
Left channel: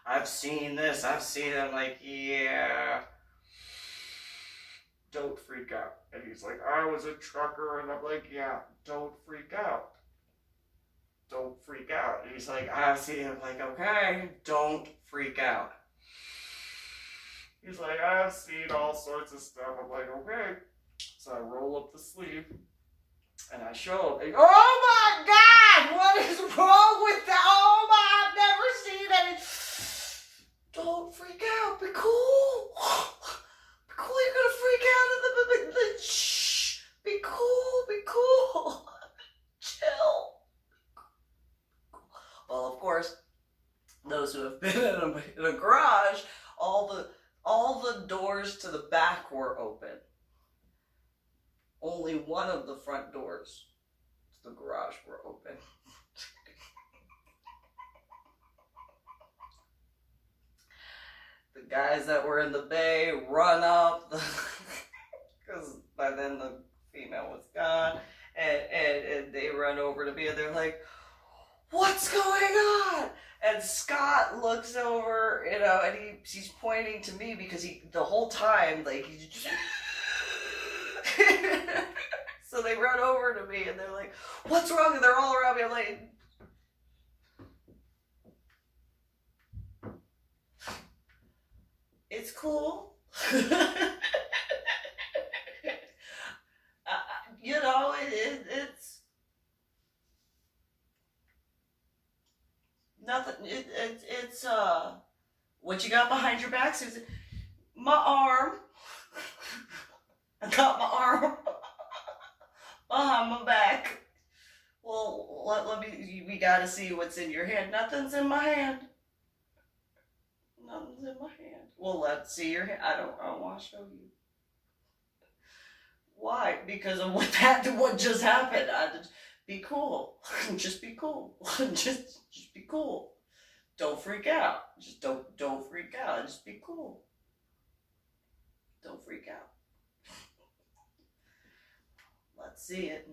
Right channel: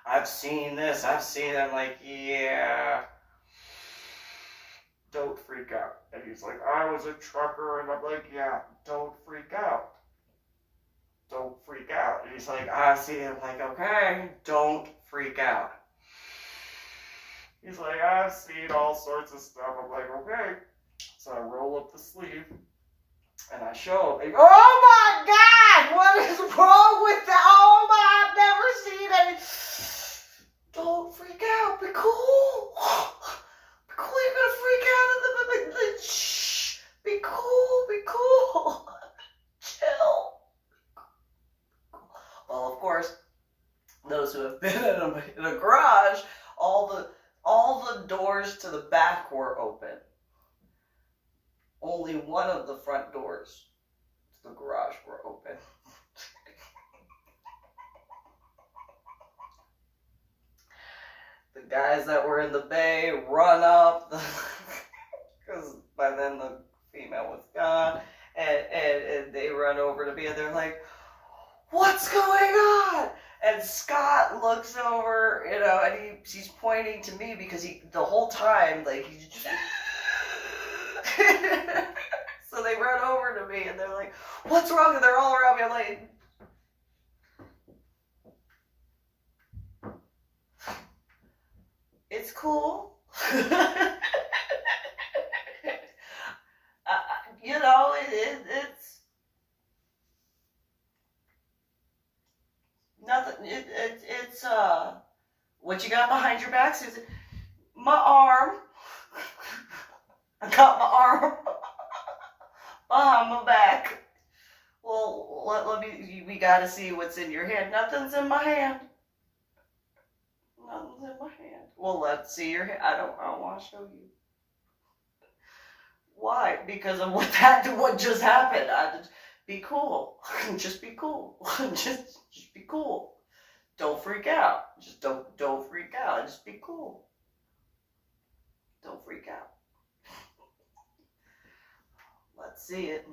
"I've seen this. I've seen it." I'm like, "Yeah. Don't freak out." And he's like, "I was a trucker." And I'm like, "Yeah, don't freak out. Don't freak out." And he's like, "I see it." I'm like, "Okay, don't freak out." He's like, "I've seen all sorts of stuff." I'm like, "Okay." So I roll up the sleeve and I show him. "Oh my God, what is wrong with that? Oh my, I've never seen any." "Don't freak out. Be cool. Be cool. You're gonna freak out. Shh. Be cool. Be cool. Chill." Well, of course, those who have been in a garage, all the doors to the back were open. Only one of the front doors to the garage were open. The guys that were in the bay run up, because by then the female was gone, and they run over to me, and they're like, "What's going on?" And Scott looks over, you know, and he's pointing to me, because the whole time, like, he's just... So they run over to me, and they're like, "What's wrong?" And they're all around me. I'm like, "It's cool." You know, it's nothing. It's what you got behind your back, Susan? My arm. I got my arm behind my back. Well, let me. We gotta see what's in your hand. Nothing's in my hand. Nothing's in my hand. Well, let's see your hand. I don't want to show you. Why? Because of what just happened. Be cool. Just be cool. just be cool. Don't freak out. Just don't freak out. Just be cool. Don't freak out. Let's see it.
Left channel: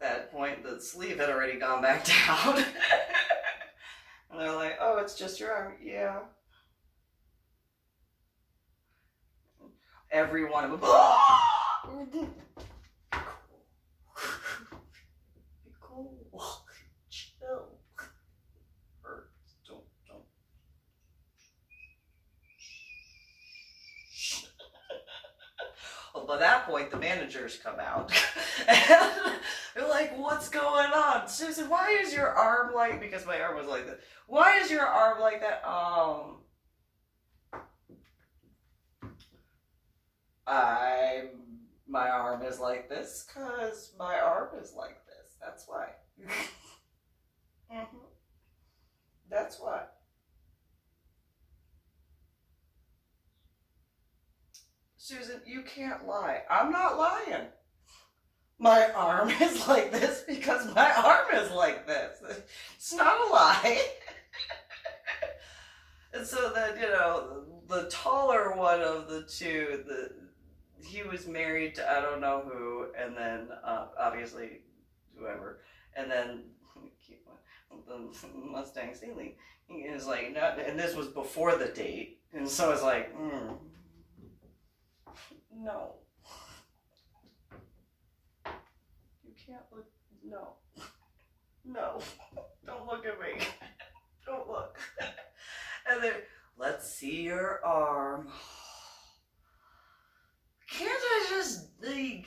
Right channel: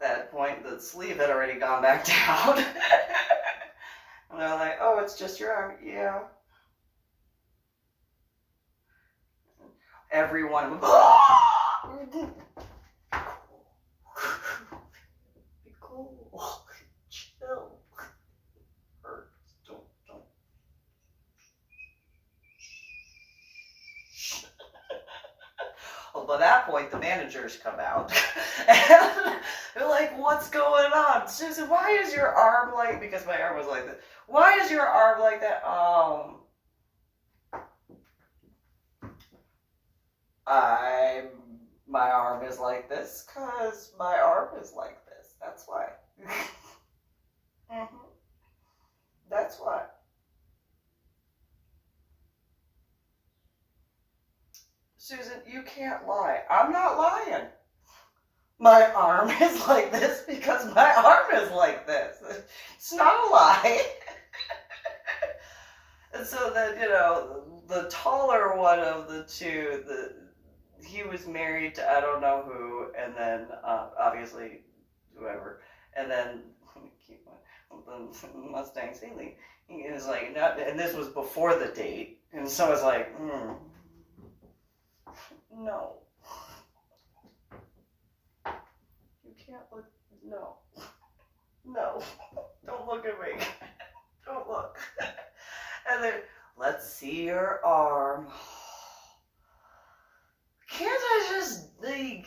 At that point, the sleeve had already gone back down. And they're like, "Oh, it's just your arm." Yeah. Every one of them. Be cool. Chill. Hurts. Don't. Well, by that point, the managers come out. And they're like, "What's going on? Susan, why is your arm like..." Because my arm was like that. "Why is your arm like that?" my arm is like this because my arm is like this. That's why. Mm-hmm. That's why. Susan, you can't lie. I'm not lying. My arm is like this because my arm is like this. It's not a lie. And so then, the taller one of the two, he was married to I don't know who, and then obviously whoever, and then the Mustang Sailing. He was like, no, and this was before the date, and so I was like, no. You can't look, no. No. Don't look at me. Don't look. And then, let's see your arm. Can't I just, like,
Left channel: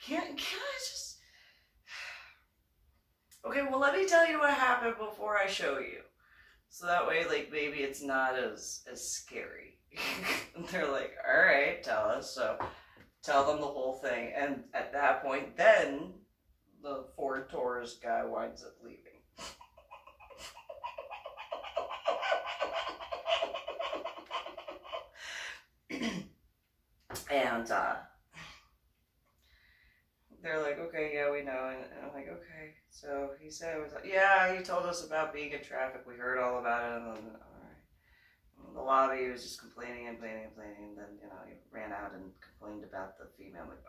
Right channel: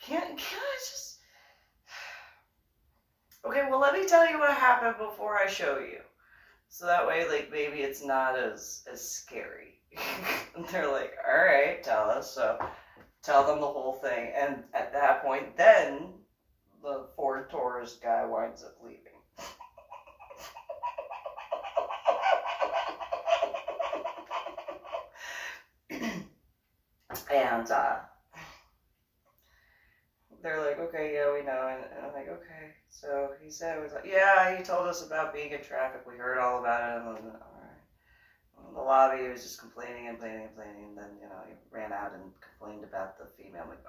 can't I just, okay, well, let me tell you what happened before I show you. So that way, like, maybe it's not as scary. And they're like, all right, tell us. So tell them the whole thing. And at that point, then the Ford Taurus guy winds up leaving. And they're like, okay, yeah, we know. And I'm like, okay. So he said, it was like, yeah, he told us about being in traffic. We heard all about it. And then, all right. In the lobby, he was just complaining and complaining and complaining. And then, he ran out and complained about the female. I'm like,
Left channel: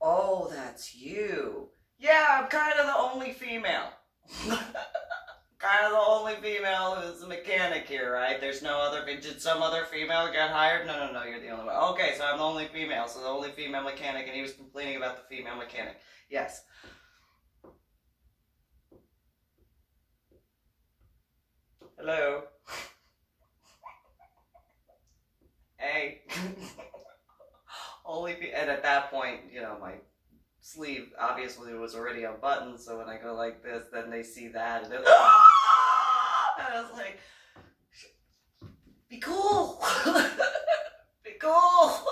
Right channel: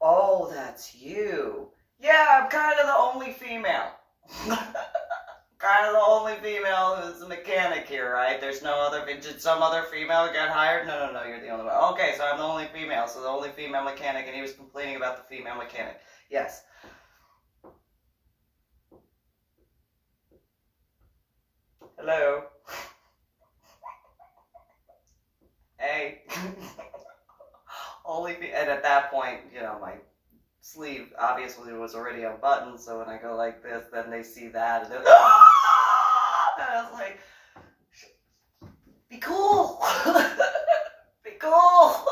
oh, that's you. Yeah, I'm kind of the only female. Kind of the only female who's a mechanic here, right? There's no other. Did some other female get hired? No, you're the only one. Okay, so I'm the only female, so the only female mechanic, and he was complaining about the female mechanic. Yes. Hello. Hey. And at that point, my sleeve obviously was already unbuttoned, so when I go like this, then they see that, and I was like, be cool. Be cool.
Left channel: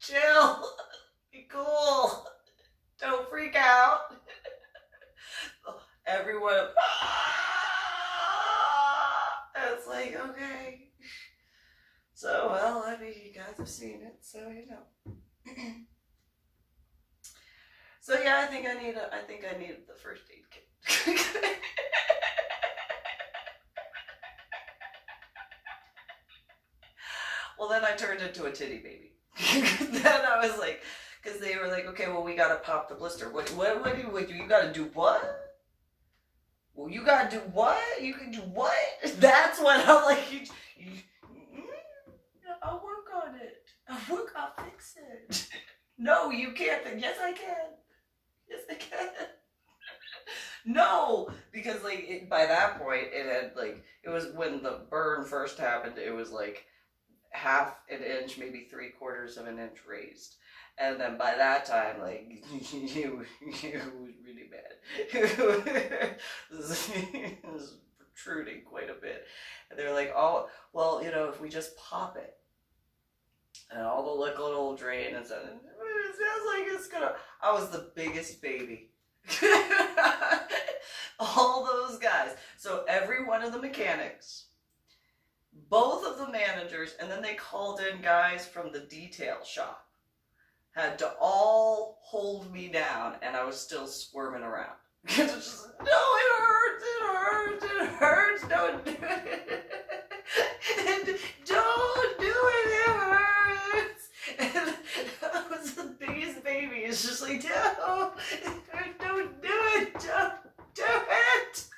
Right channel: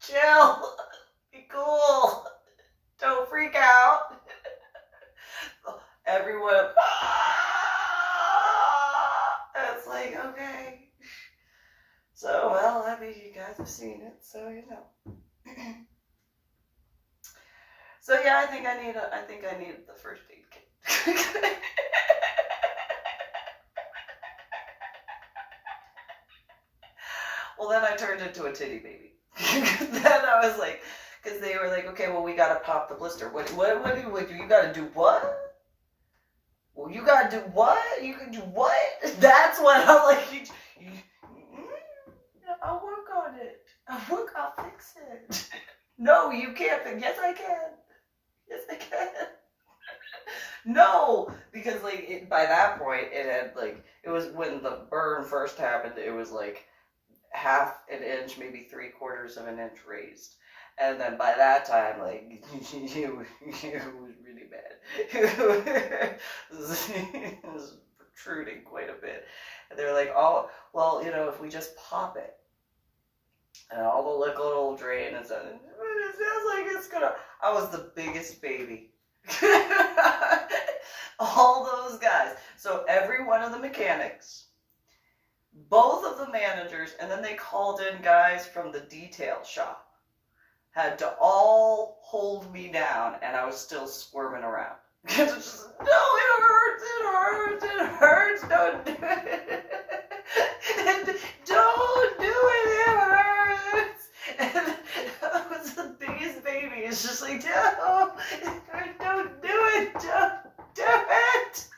Chill. Be cool. Don't freak out. Everyone, and it's like, okay. So, well, I mean, you guys have seen it, so So yeah, I think I need the first aid kit. Well, then I turned into a titty baby. Then I was like, because they were like, okay, well, we gotta pop the blister. What do you gotta do what? Well, you gotta do what? You can do what? That's what I'm like, I'll work on it. I'll fix it. No, you can't. Yes, I can. Yes, I can. No, because by that point, it had it was when the burn first happened, it was half an inch, maybe 3/4 of an inch raised. And then by that time, it was really bad. It was protruding quite a bit. And they were like, oh, well, if we just pop it, and all the liquid will drain, and so it sounds like it's gonna. I was the biggest baby. All those guys. So every one of the mechanics, both of the managers, and then they called in guys from the detail shop, had to all hold me down, and I was still squirming around. Just, no, it hurts, don't do it. Don't do it hurts. And I was the biggest baby. It's just like, no, don't do it, don't do it.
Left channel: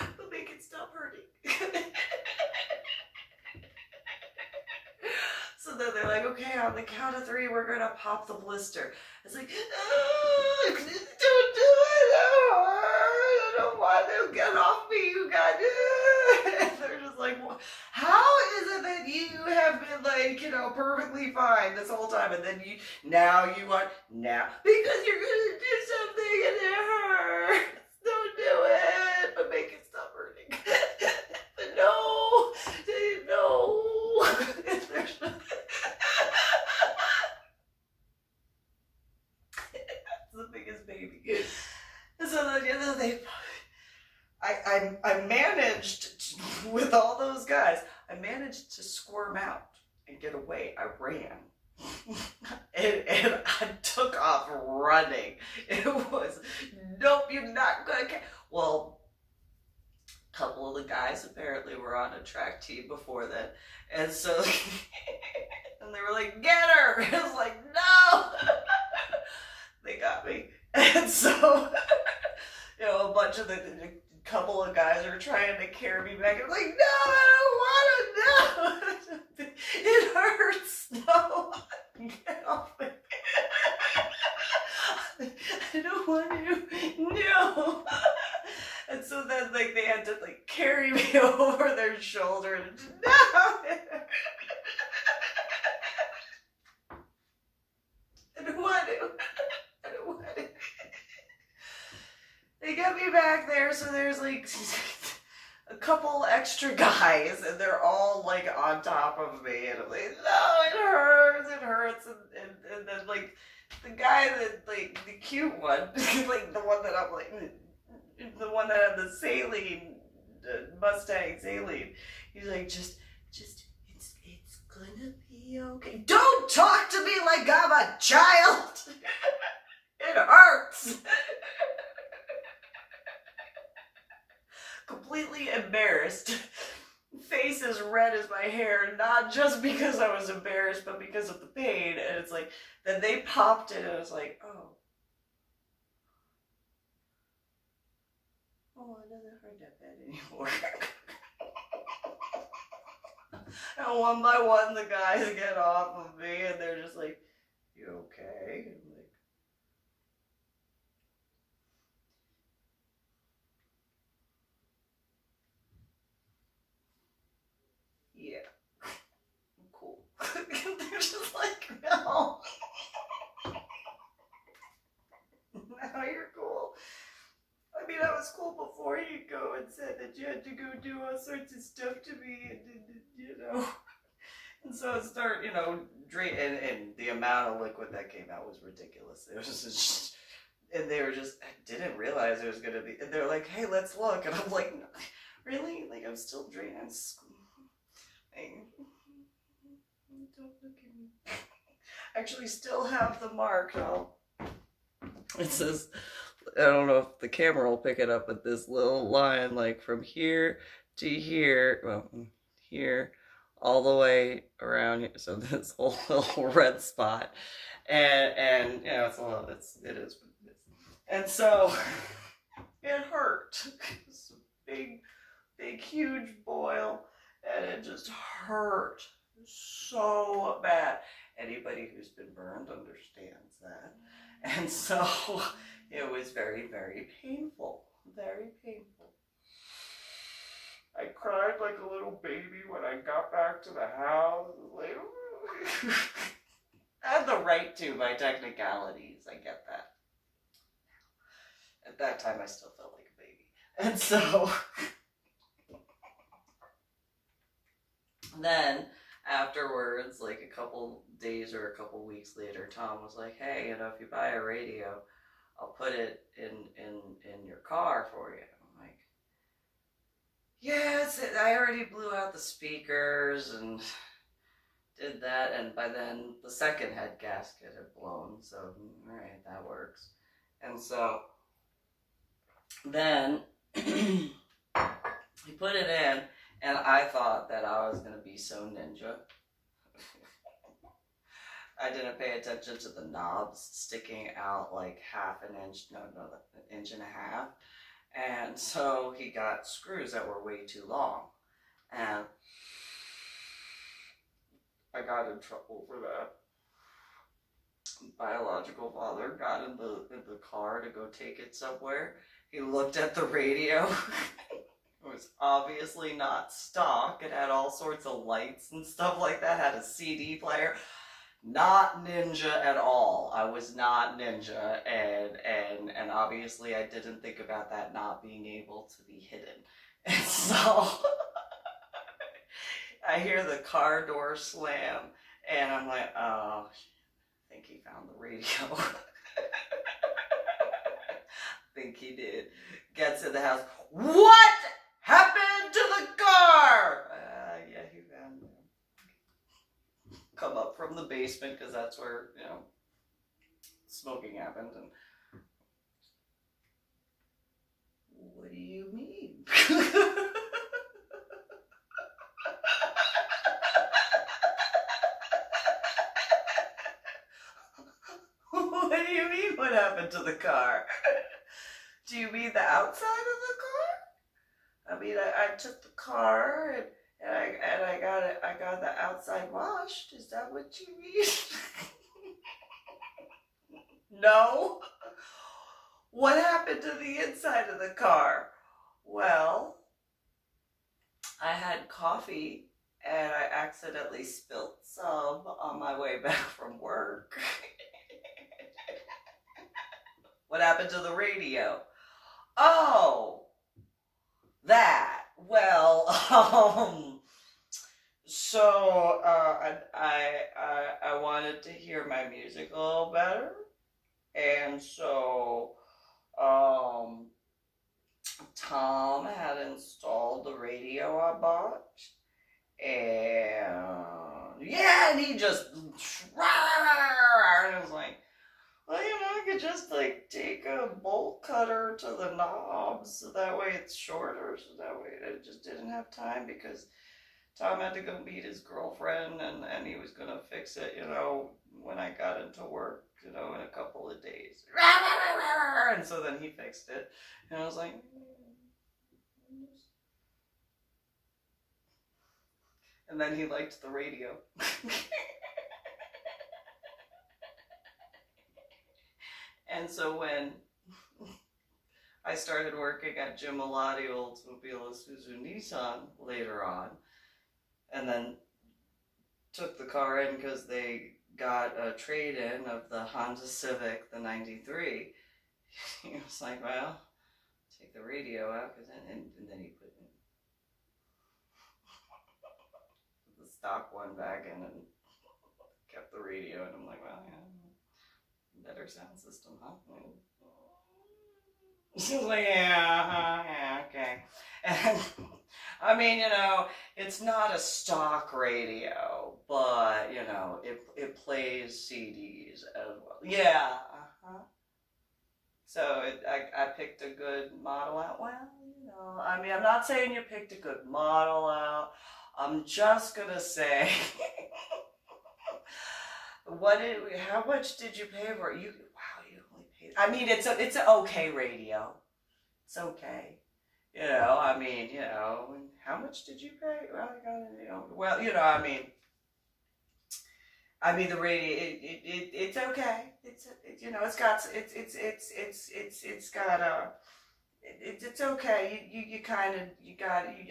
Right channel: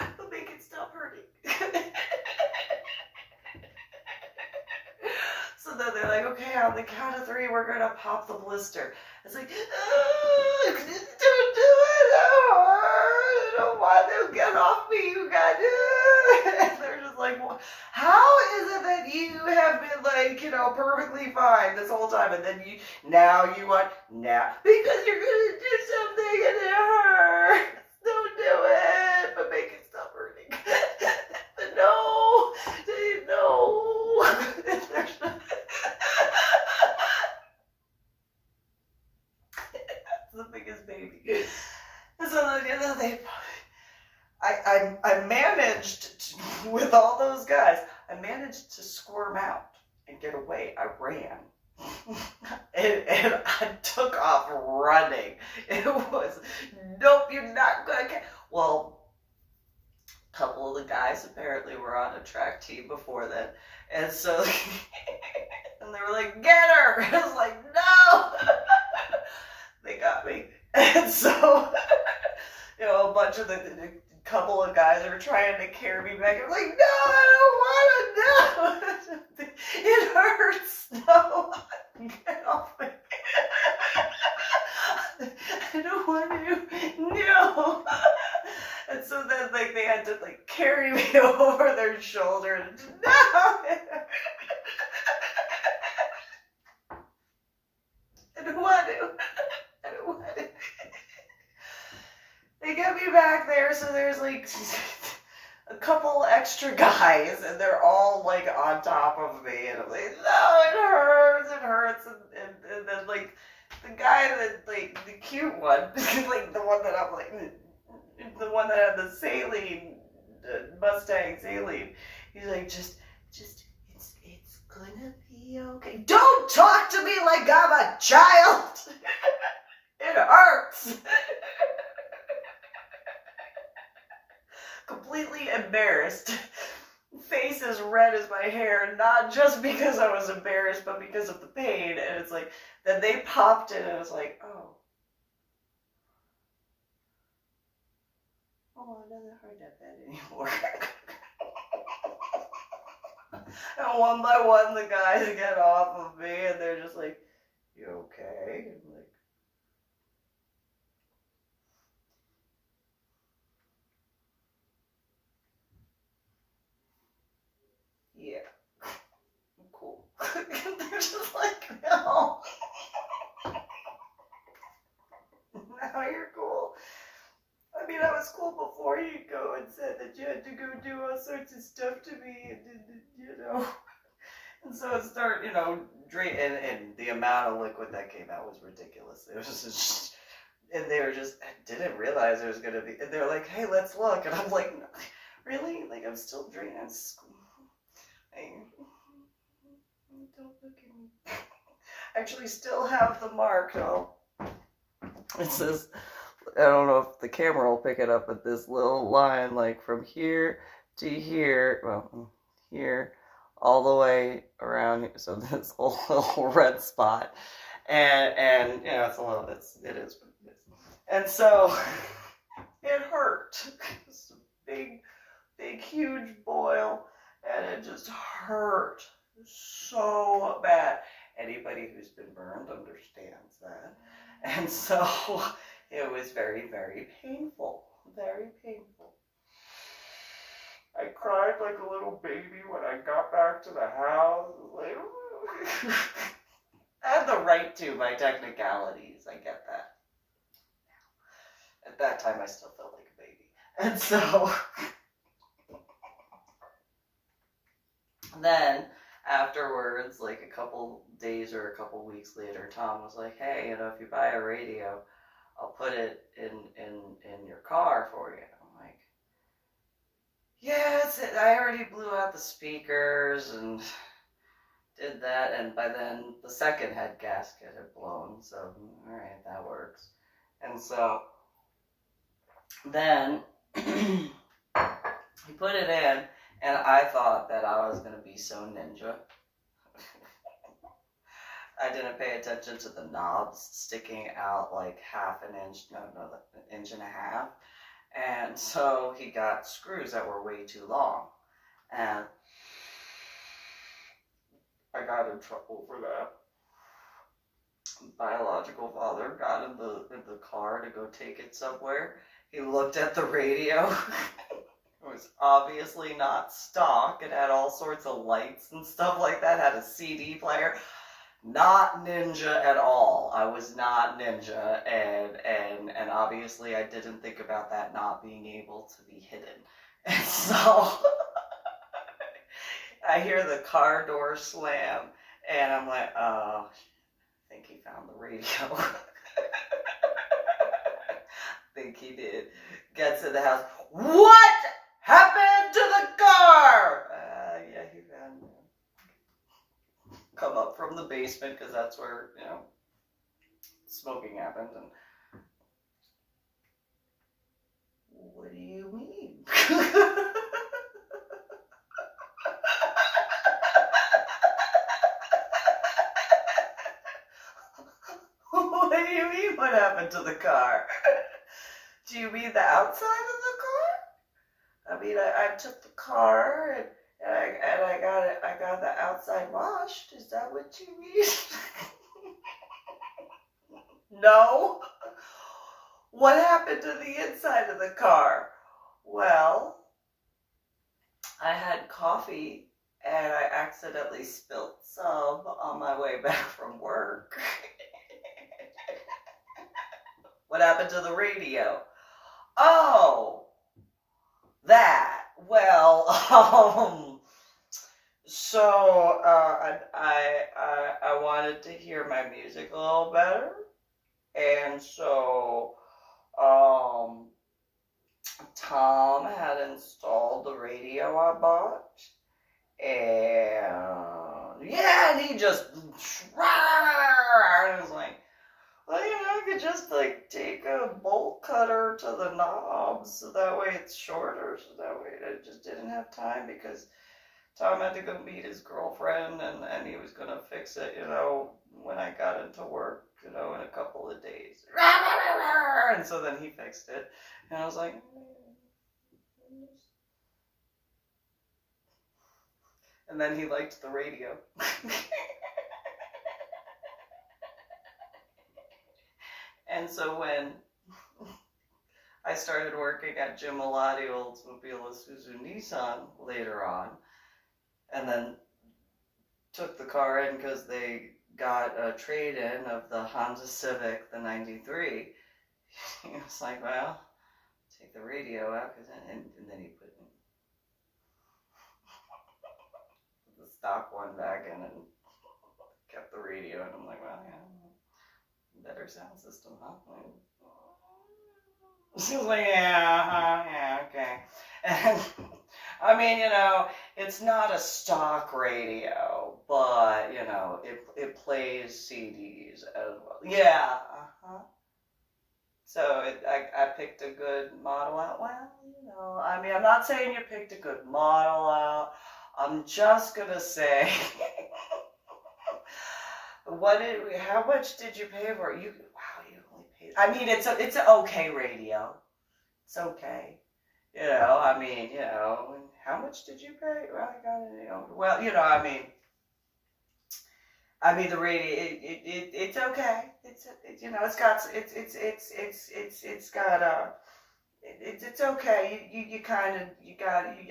It'll make it stop hurting. So then they're like, okay, on the count of 3, we're gonna pop the blister. It's like, don't do it. I don't want to get off me. You got it. And they're just like, well, how is it that you have been perfectly fine this whole time, and then now you want because you're gonna do something and it hurts. Don't do it, but make it stop hurting. No. There's no. I managed to, with all those guys, I managed to squirm out and get away. I ran. and I took off running. It was, nope, you're not gonna get. Well, a couple of the guys apparently were on a track team before that, and so and they were like, "Get her!" I was like, "No!" They got me, and so a bunch of the couple of guys are trying to carry me back. I'm like, "No, I don't want to. No, it hurts. No, get off me. I don't want to. No." And so then, like, they had to like carry me over their shoulder, and no. I don't want to. I don't want to. They get me back there, so there's like a couple extra guys, and they're all like on top of me, and I'm like, no, it hurts, and then like the guy that like the cute one, like the one that I'm like, the one that had the saline Mustang saline, he's like, just it's gonna be okay. Don't talk to me like I'm a child. It hurts. Completely embarrassed. Face as red as my hair, not just because I was embarrassed, but because of the pain. And it's like, then they popped it, and it was like, oh, it doesn't hurt that bad anymore. And one by one, the guys get off of me, and they're just like, you okay? And I'm like, yeah, I'm cool. They're just like, no. Now you're cool. I mean, I was cool before you go and said that you had to go do all sorts of stuff to me, and and so it started, drink, and the amount of liquid that came out was ridiculous. It was just, and they were just, I didn't realize there was gonna be, and they're like, hey, let's look, and I'm like, no, really? Like, I'm still drinking. Don't look at me. I actually still have the mark. It says, I don't know if the camera will pick it up, but this little line, like from here to here, well, here, all the way around here. So this whole little red spot, and it's a little, it is what it is. And so it hurt. It's a big, huge boil, and it just hurt so bad. Anybody who's been burned understands that. And so it was very, very painful. Very painful. I cried like a little baby when I got back to the house. Like, I had the right to, by technicalities. I get that. At that time, I still felt like a baby. And so then afterwards, like a couple days or a couple weeks later, Tom was like, hey, if you buy a radio, I'll put it in your car for you. I'm like, yes, I already blew out the speakers and did that, and by then the second head gasket had blown, so alright, that works. And so then he put it in, and I thought that I was going to be so ninja. I didn't pay attention to the knobs sticking out like half an inch, no, an inch and a half. And so he got screws that were way too long. And I got in trouble for that. Biological father got in the car to go take it somewhere. He looked at the radio. It was obviously not stock. It had all sorts of lights and stuff like that. It had a CD player. Not ninja at all. I was not ninja, and obviously I didn't think about that not being able to be hidden. And so I hear the car door slam, and I'm like, oh, I think he found the radio. I think he did. Gets in the house. what happened to the car? Yeah, he found it. Come up from the basement because that's where, smoking happened. And what do you mean? What do you mean, what happened to the car? Do you mean the outside of the car? I mean, I took the car and I got the outside washed. Is that what you mean? No. What happened to the inside of the car? Well, I had coffee and I accidentally spilled some on my way back from work. What happened to the radio? Oh, that. Well, so I wanted to hear my music a little better, and so Tom had installed the radio I bought, and yeah, and he just and I was like, well, I could just take a bolt cutter to the knob so that way it's shorter, so that way I just didn't have time because Tom had to go meet his girlfriend and he was going to fix it, when I got into work, in a couple of days. And so then he fixed it. And I was like, and then he liked the radio. And so when I started working at Jim Malati Oldsmobile Isuzu Nissan later on, and then took the car in because they got a trade-in of the Honda Civic, the 93. He was like, well, take the radio out, and then he put the stock one back in and kept the radio, and I'm like, well, yeah, better sound system, huh? She's like, yeah, okay. And I mean, it's not a stock radio, but it plays CDs as well. Yeah, So I picked a good model out. Well, I mean, I'm not saying you picked a good model out. I'm just gonna say, how much did you pay for it? You only paid. I mean, it's an okay radio. It's okay. I mean, how much did you pay? Well, I mean, the radio, it's okay. It's okay.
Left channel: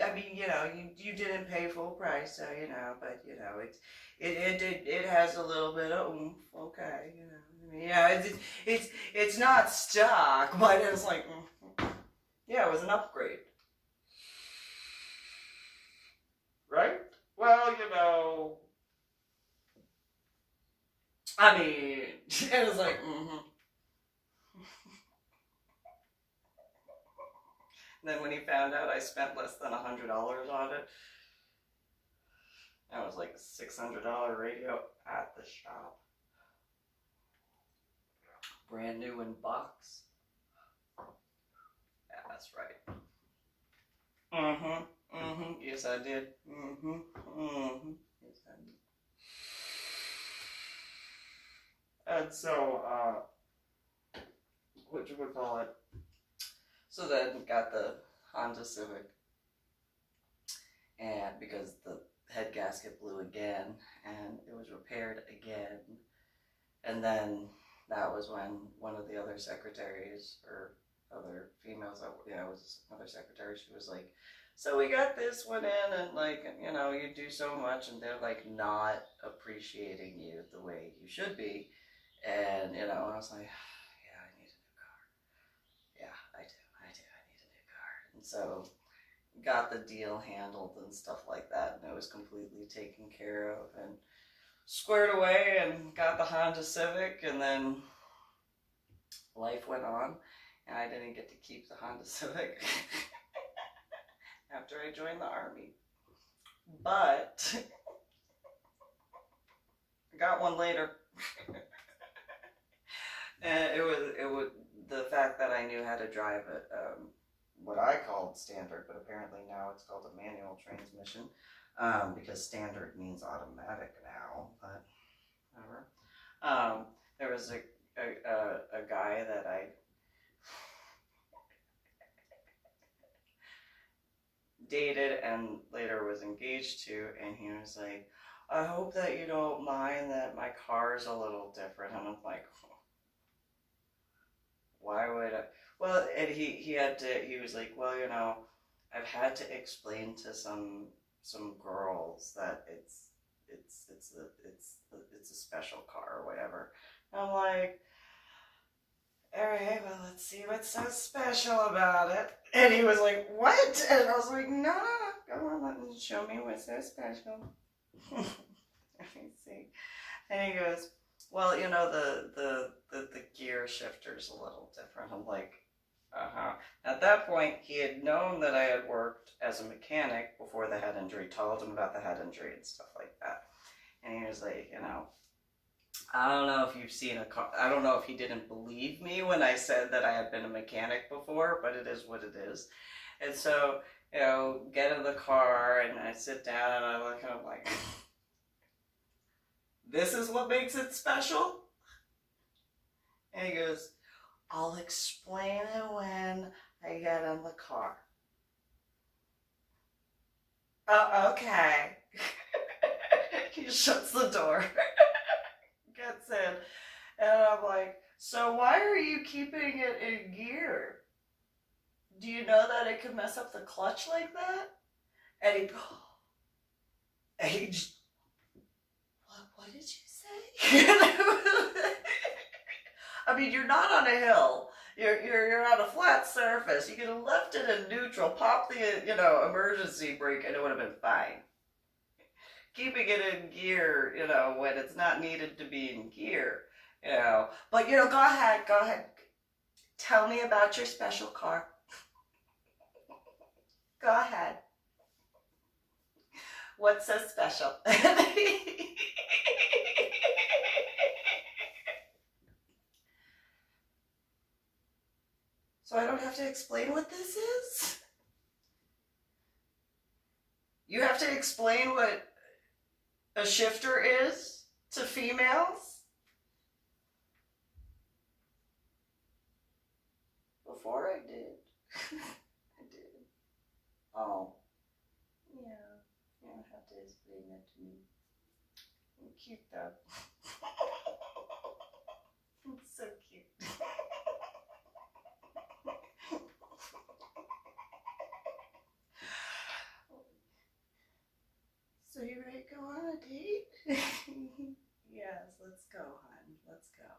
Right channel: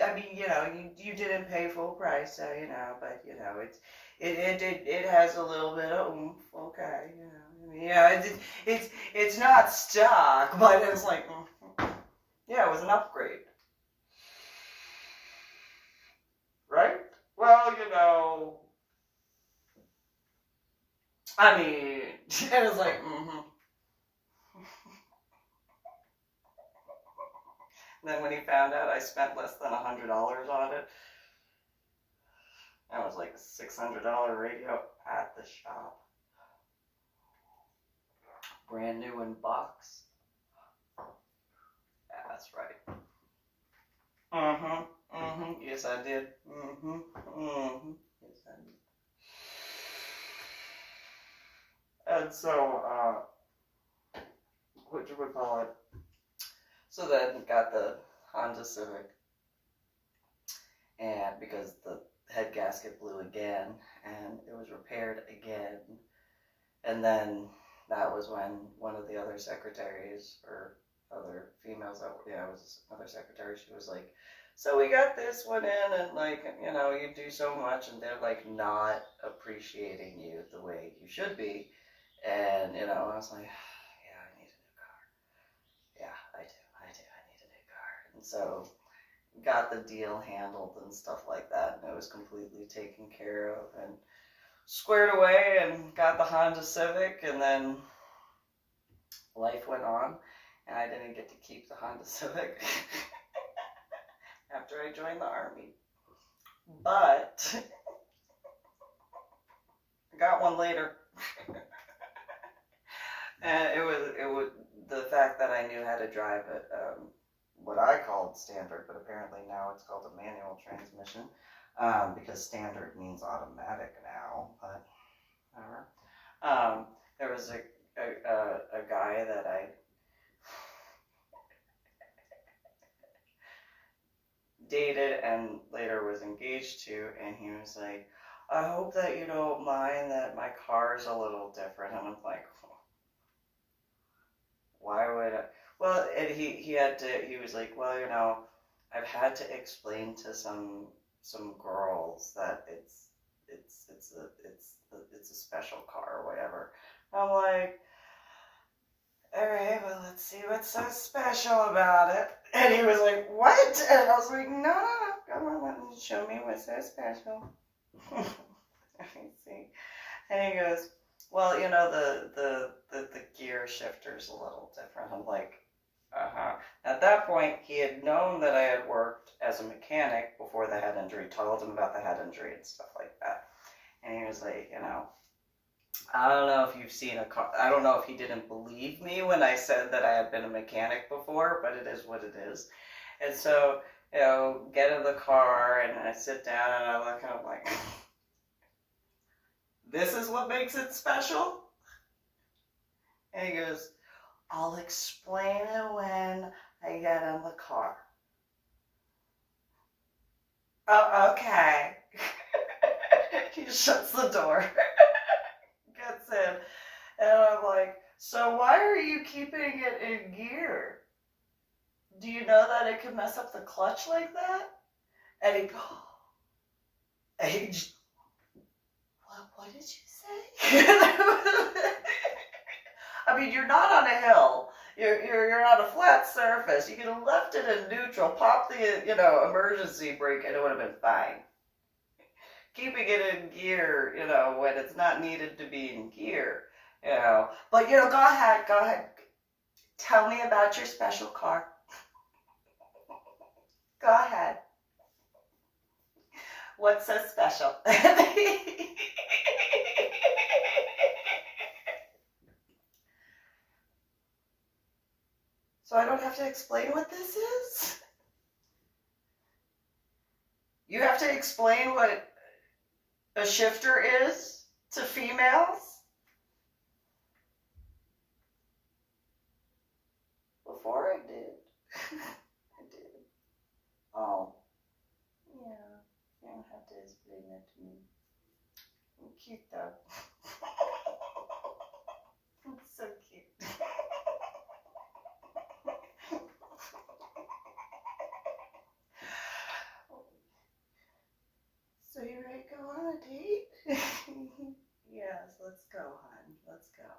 I mean, you didn't pay full price, so but it has a little bit of oomph. Okay, it's not stock, but it's like, yeah, it was an upgrade. Right? Well, I mean, it was like, And then when he found out I spent less than $100 on it, that was like a $600 radio at the shop. Brand new in box. Yeah, that's right. Yes, I did. Yes, I did. And so, what you would call it? So then got the Honda Civic, and because the head gasket blew again, and it was repaired again, and then that was when one of the other secretaries, or other females, was another secretary, she was like, so we got this one in, and you do so much, and they're not appreciating you the way you should be, and I was like, yeah, I need a new car. Yeah, I do, I need a new car. And so got the deal handled and stuff like that, and it was completely taken care of and squared away, and got the Honda Civic, and then life went on, and I didn't get to keep the Honda Civic. after I joined the Army. But I got one later. And it was the fact that I knew how to drive it, what I called standard, but apparently now it's called a manual transmission, because standard means automatic now, but whatever. There was a guy that I dated and later was engaged to, and he was like, I hope that you don't mind that my car is a little different. And I'm like, why would I? Well, and he was like, well, I've had to explain to some girls that it's a special car or whatever. I'm like, all right, well, let's see what's so special about it. And he was like, what? And I was like, no, come on, let me show me what's so special. Let me see. And he goes, well, the gear shifter's a little different. I'm like, At that point, he had known that I had worked as a mechanic before the head injury, told him about the head injury and stuff like that. And he was like, I don't know if you've seen a car. I don't know if he didn't believe me when I said that I had been a mechanic before, but it is what it is. And so, get in the car and I sit down and I look and I'm like, this is what makes it special? And he goes, I'll explain it when I get in the car. Oh, okay. He shuts the door. Gets in. And I'm like, so why are you keeping it in gear? Do you know that it could mess up the clutch like that? And he what did you say? I mean, you're not on a hill. You're on a flat surface. You could have left it in neutral, pop the emergency brake, and it would have been fine. Keeping it in gear, when it's not needed to be in gear, But go ahead. Tell me about your special car. Go ahead. What's so special? So I don't have to explain what this is? You have to explain what a shifter is to females? Before I did. I did. Oh. Yeah. You don't have to explain that to me. I'm cute though. It's so cute. So you ready to go on a date? Yes, let's go, hon. Let's go.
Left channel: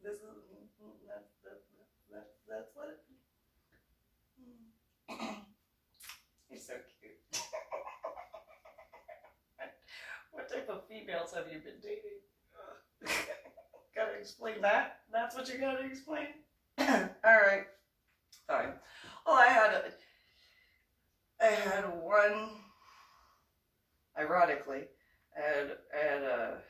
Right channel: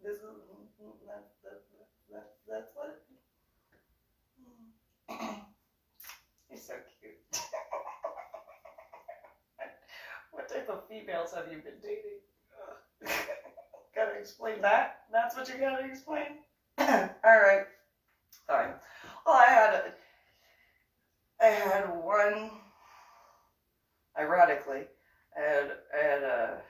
This is that's what you're so cute. What type of females have you been dating? Gotta explain that? That's what you gotta explain? Alright. Fine. Well, I had one, ironically, I had a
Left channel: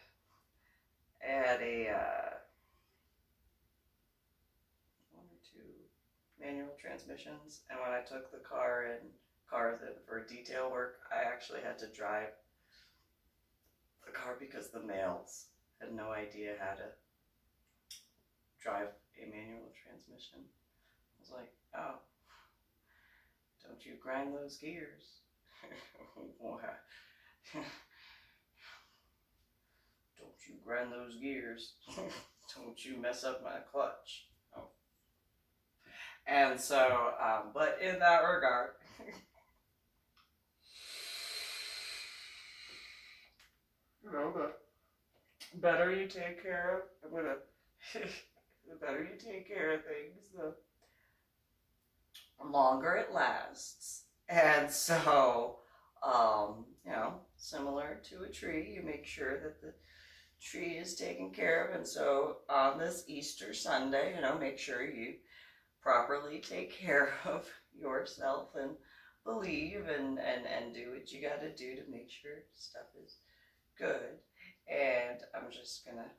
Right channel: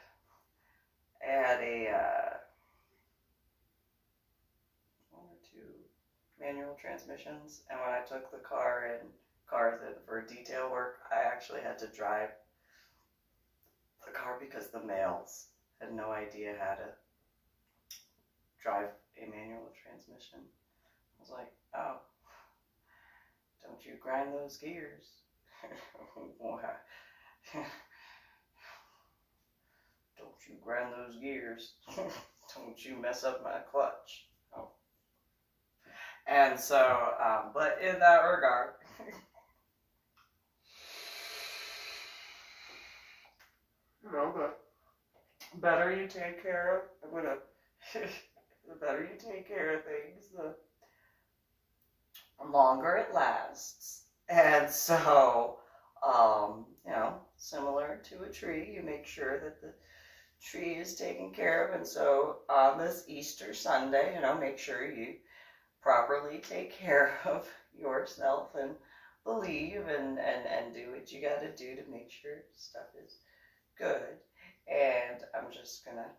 one or two manual transmissions, and when I took the car for detail work, I actually had to drive the car because the males had no idea how to drive a manual transmission. I was like, oh, don't you grind those gears. Don't you grind those gears. Don't you mess up my clutch. Oh. And so, but in that regard, the better you take care of, the better you take care of things, the longer it lasts. And so, similar to a tree, you make sure that the tree is taken care of. And so on this Easter Sunday, make sure you properly take care of yourself and believe and do what you got to do to make sure stuff is good. And I'm just gonna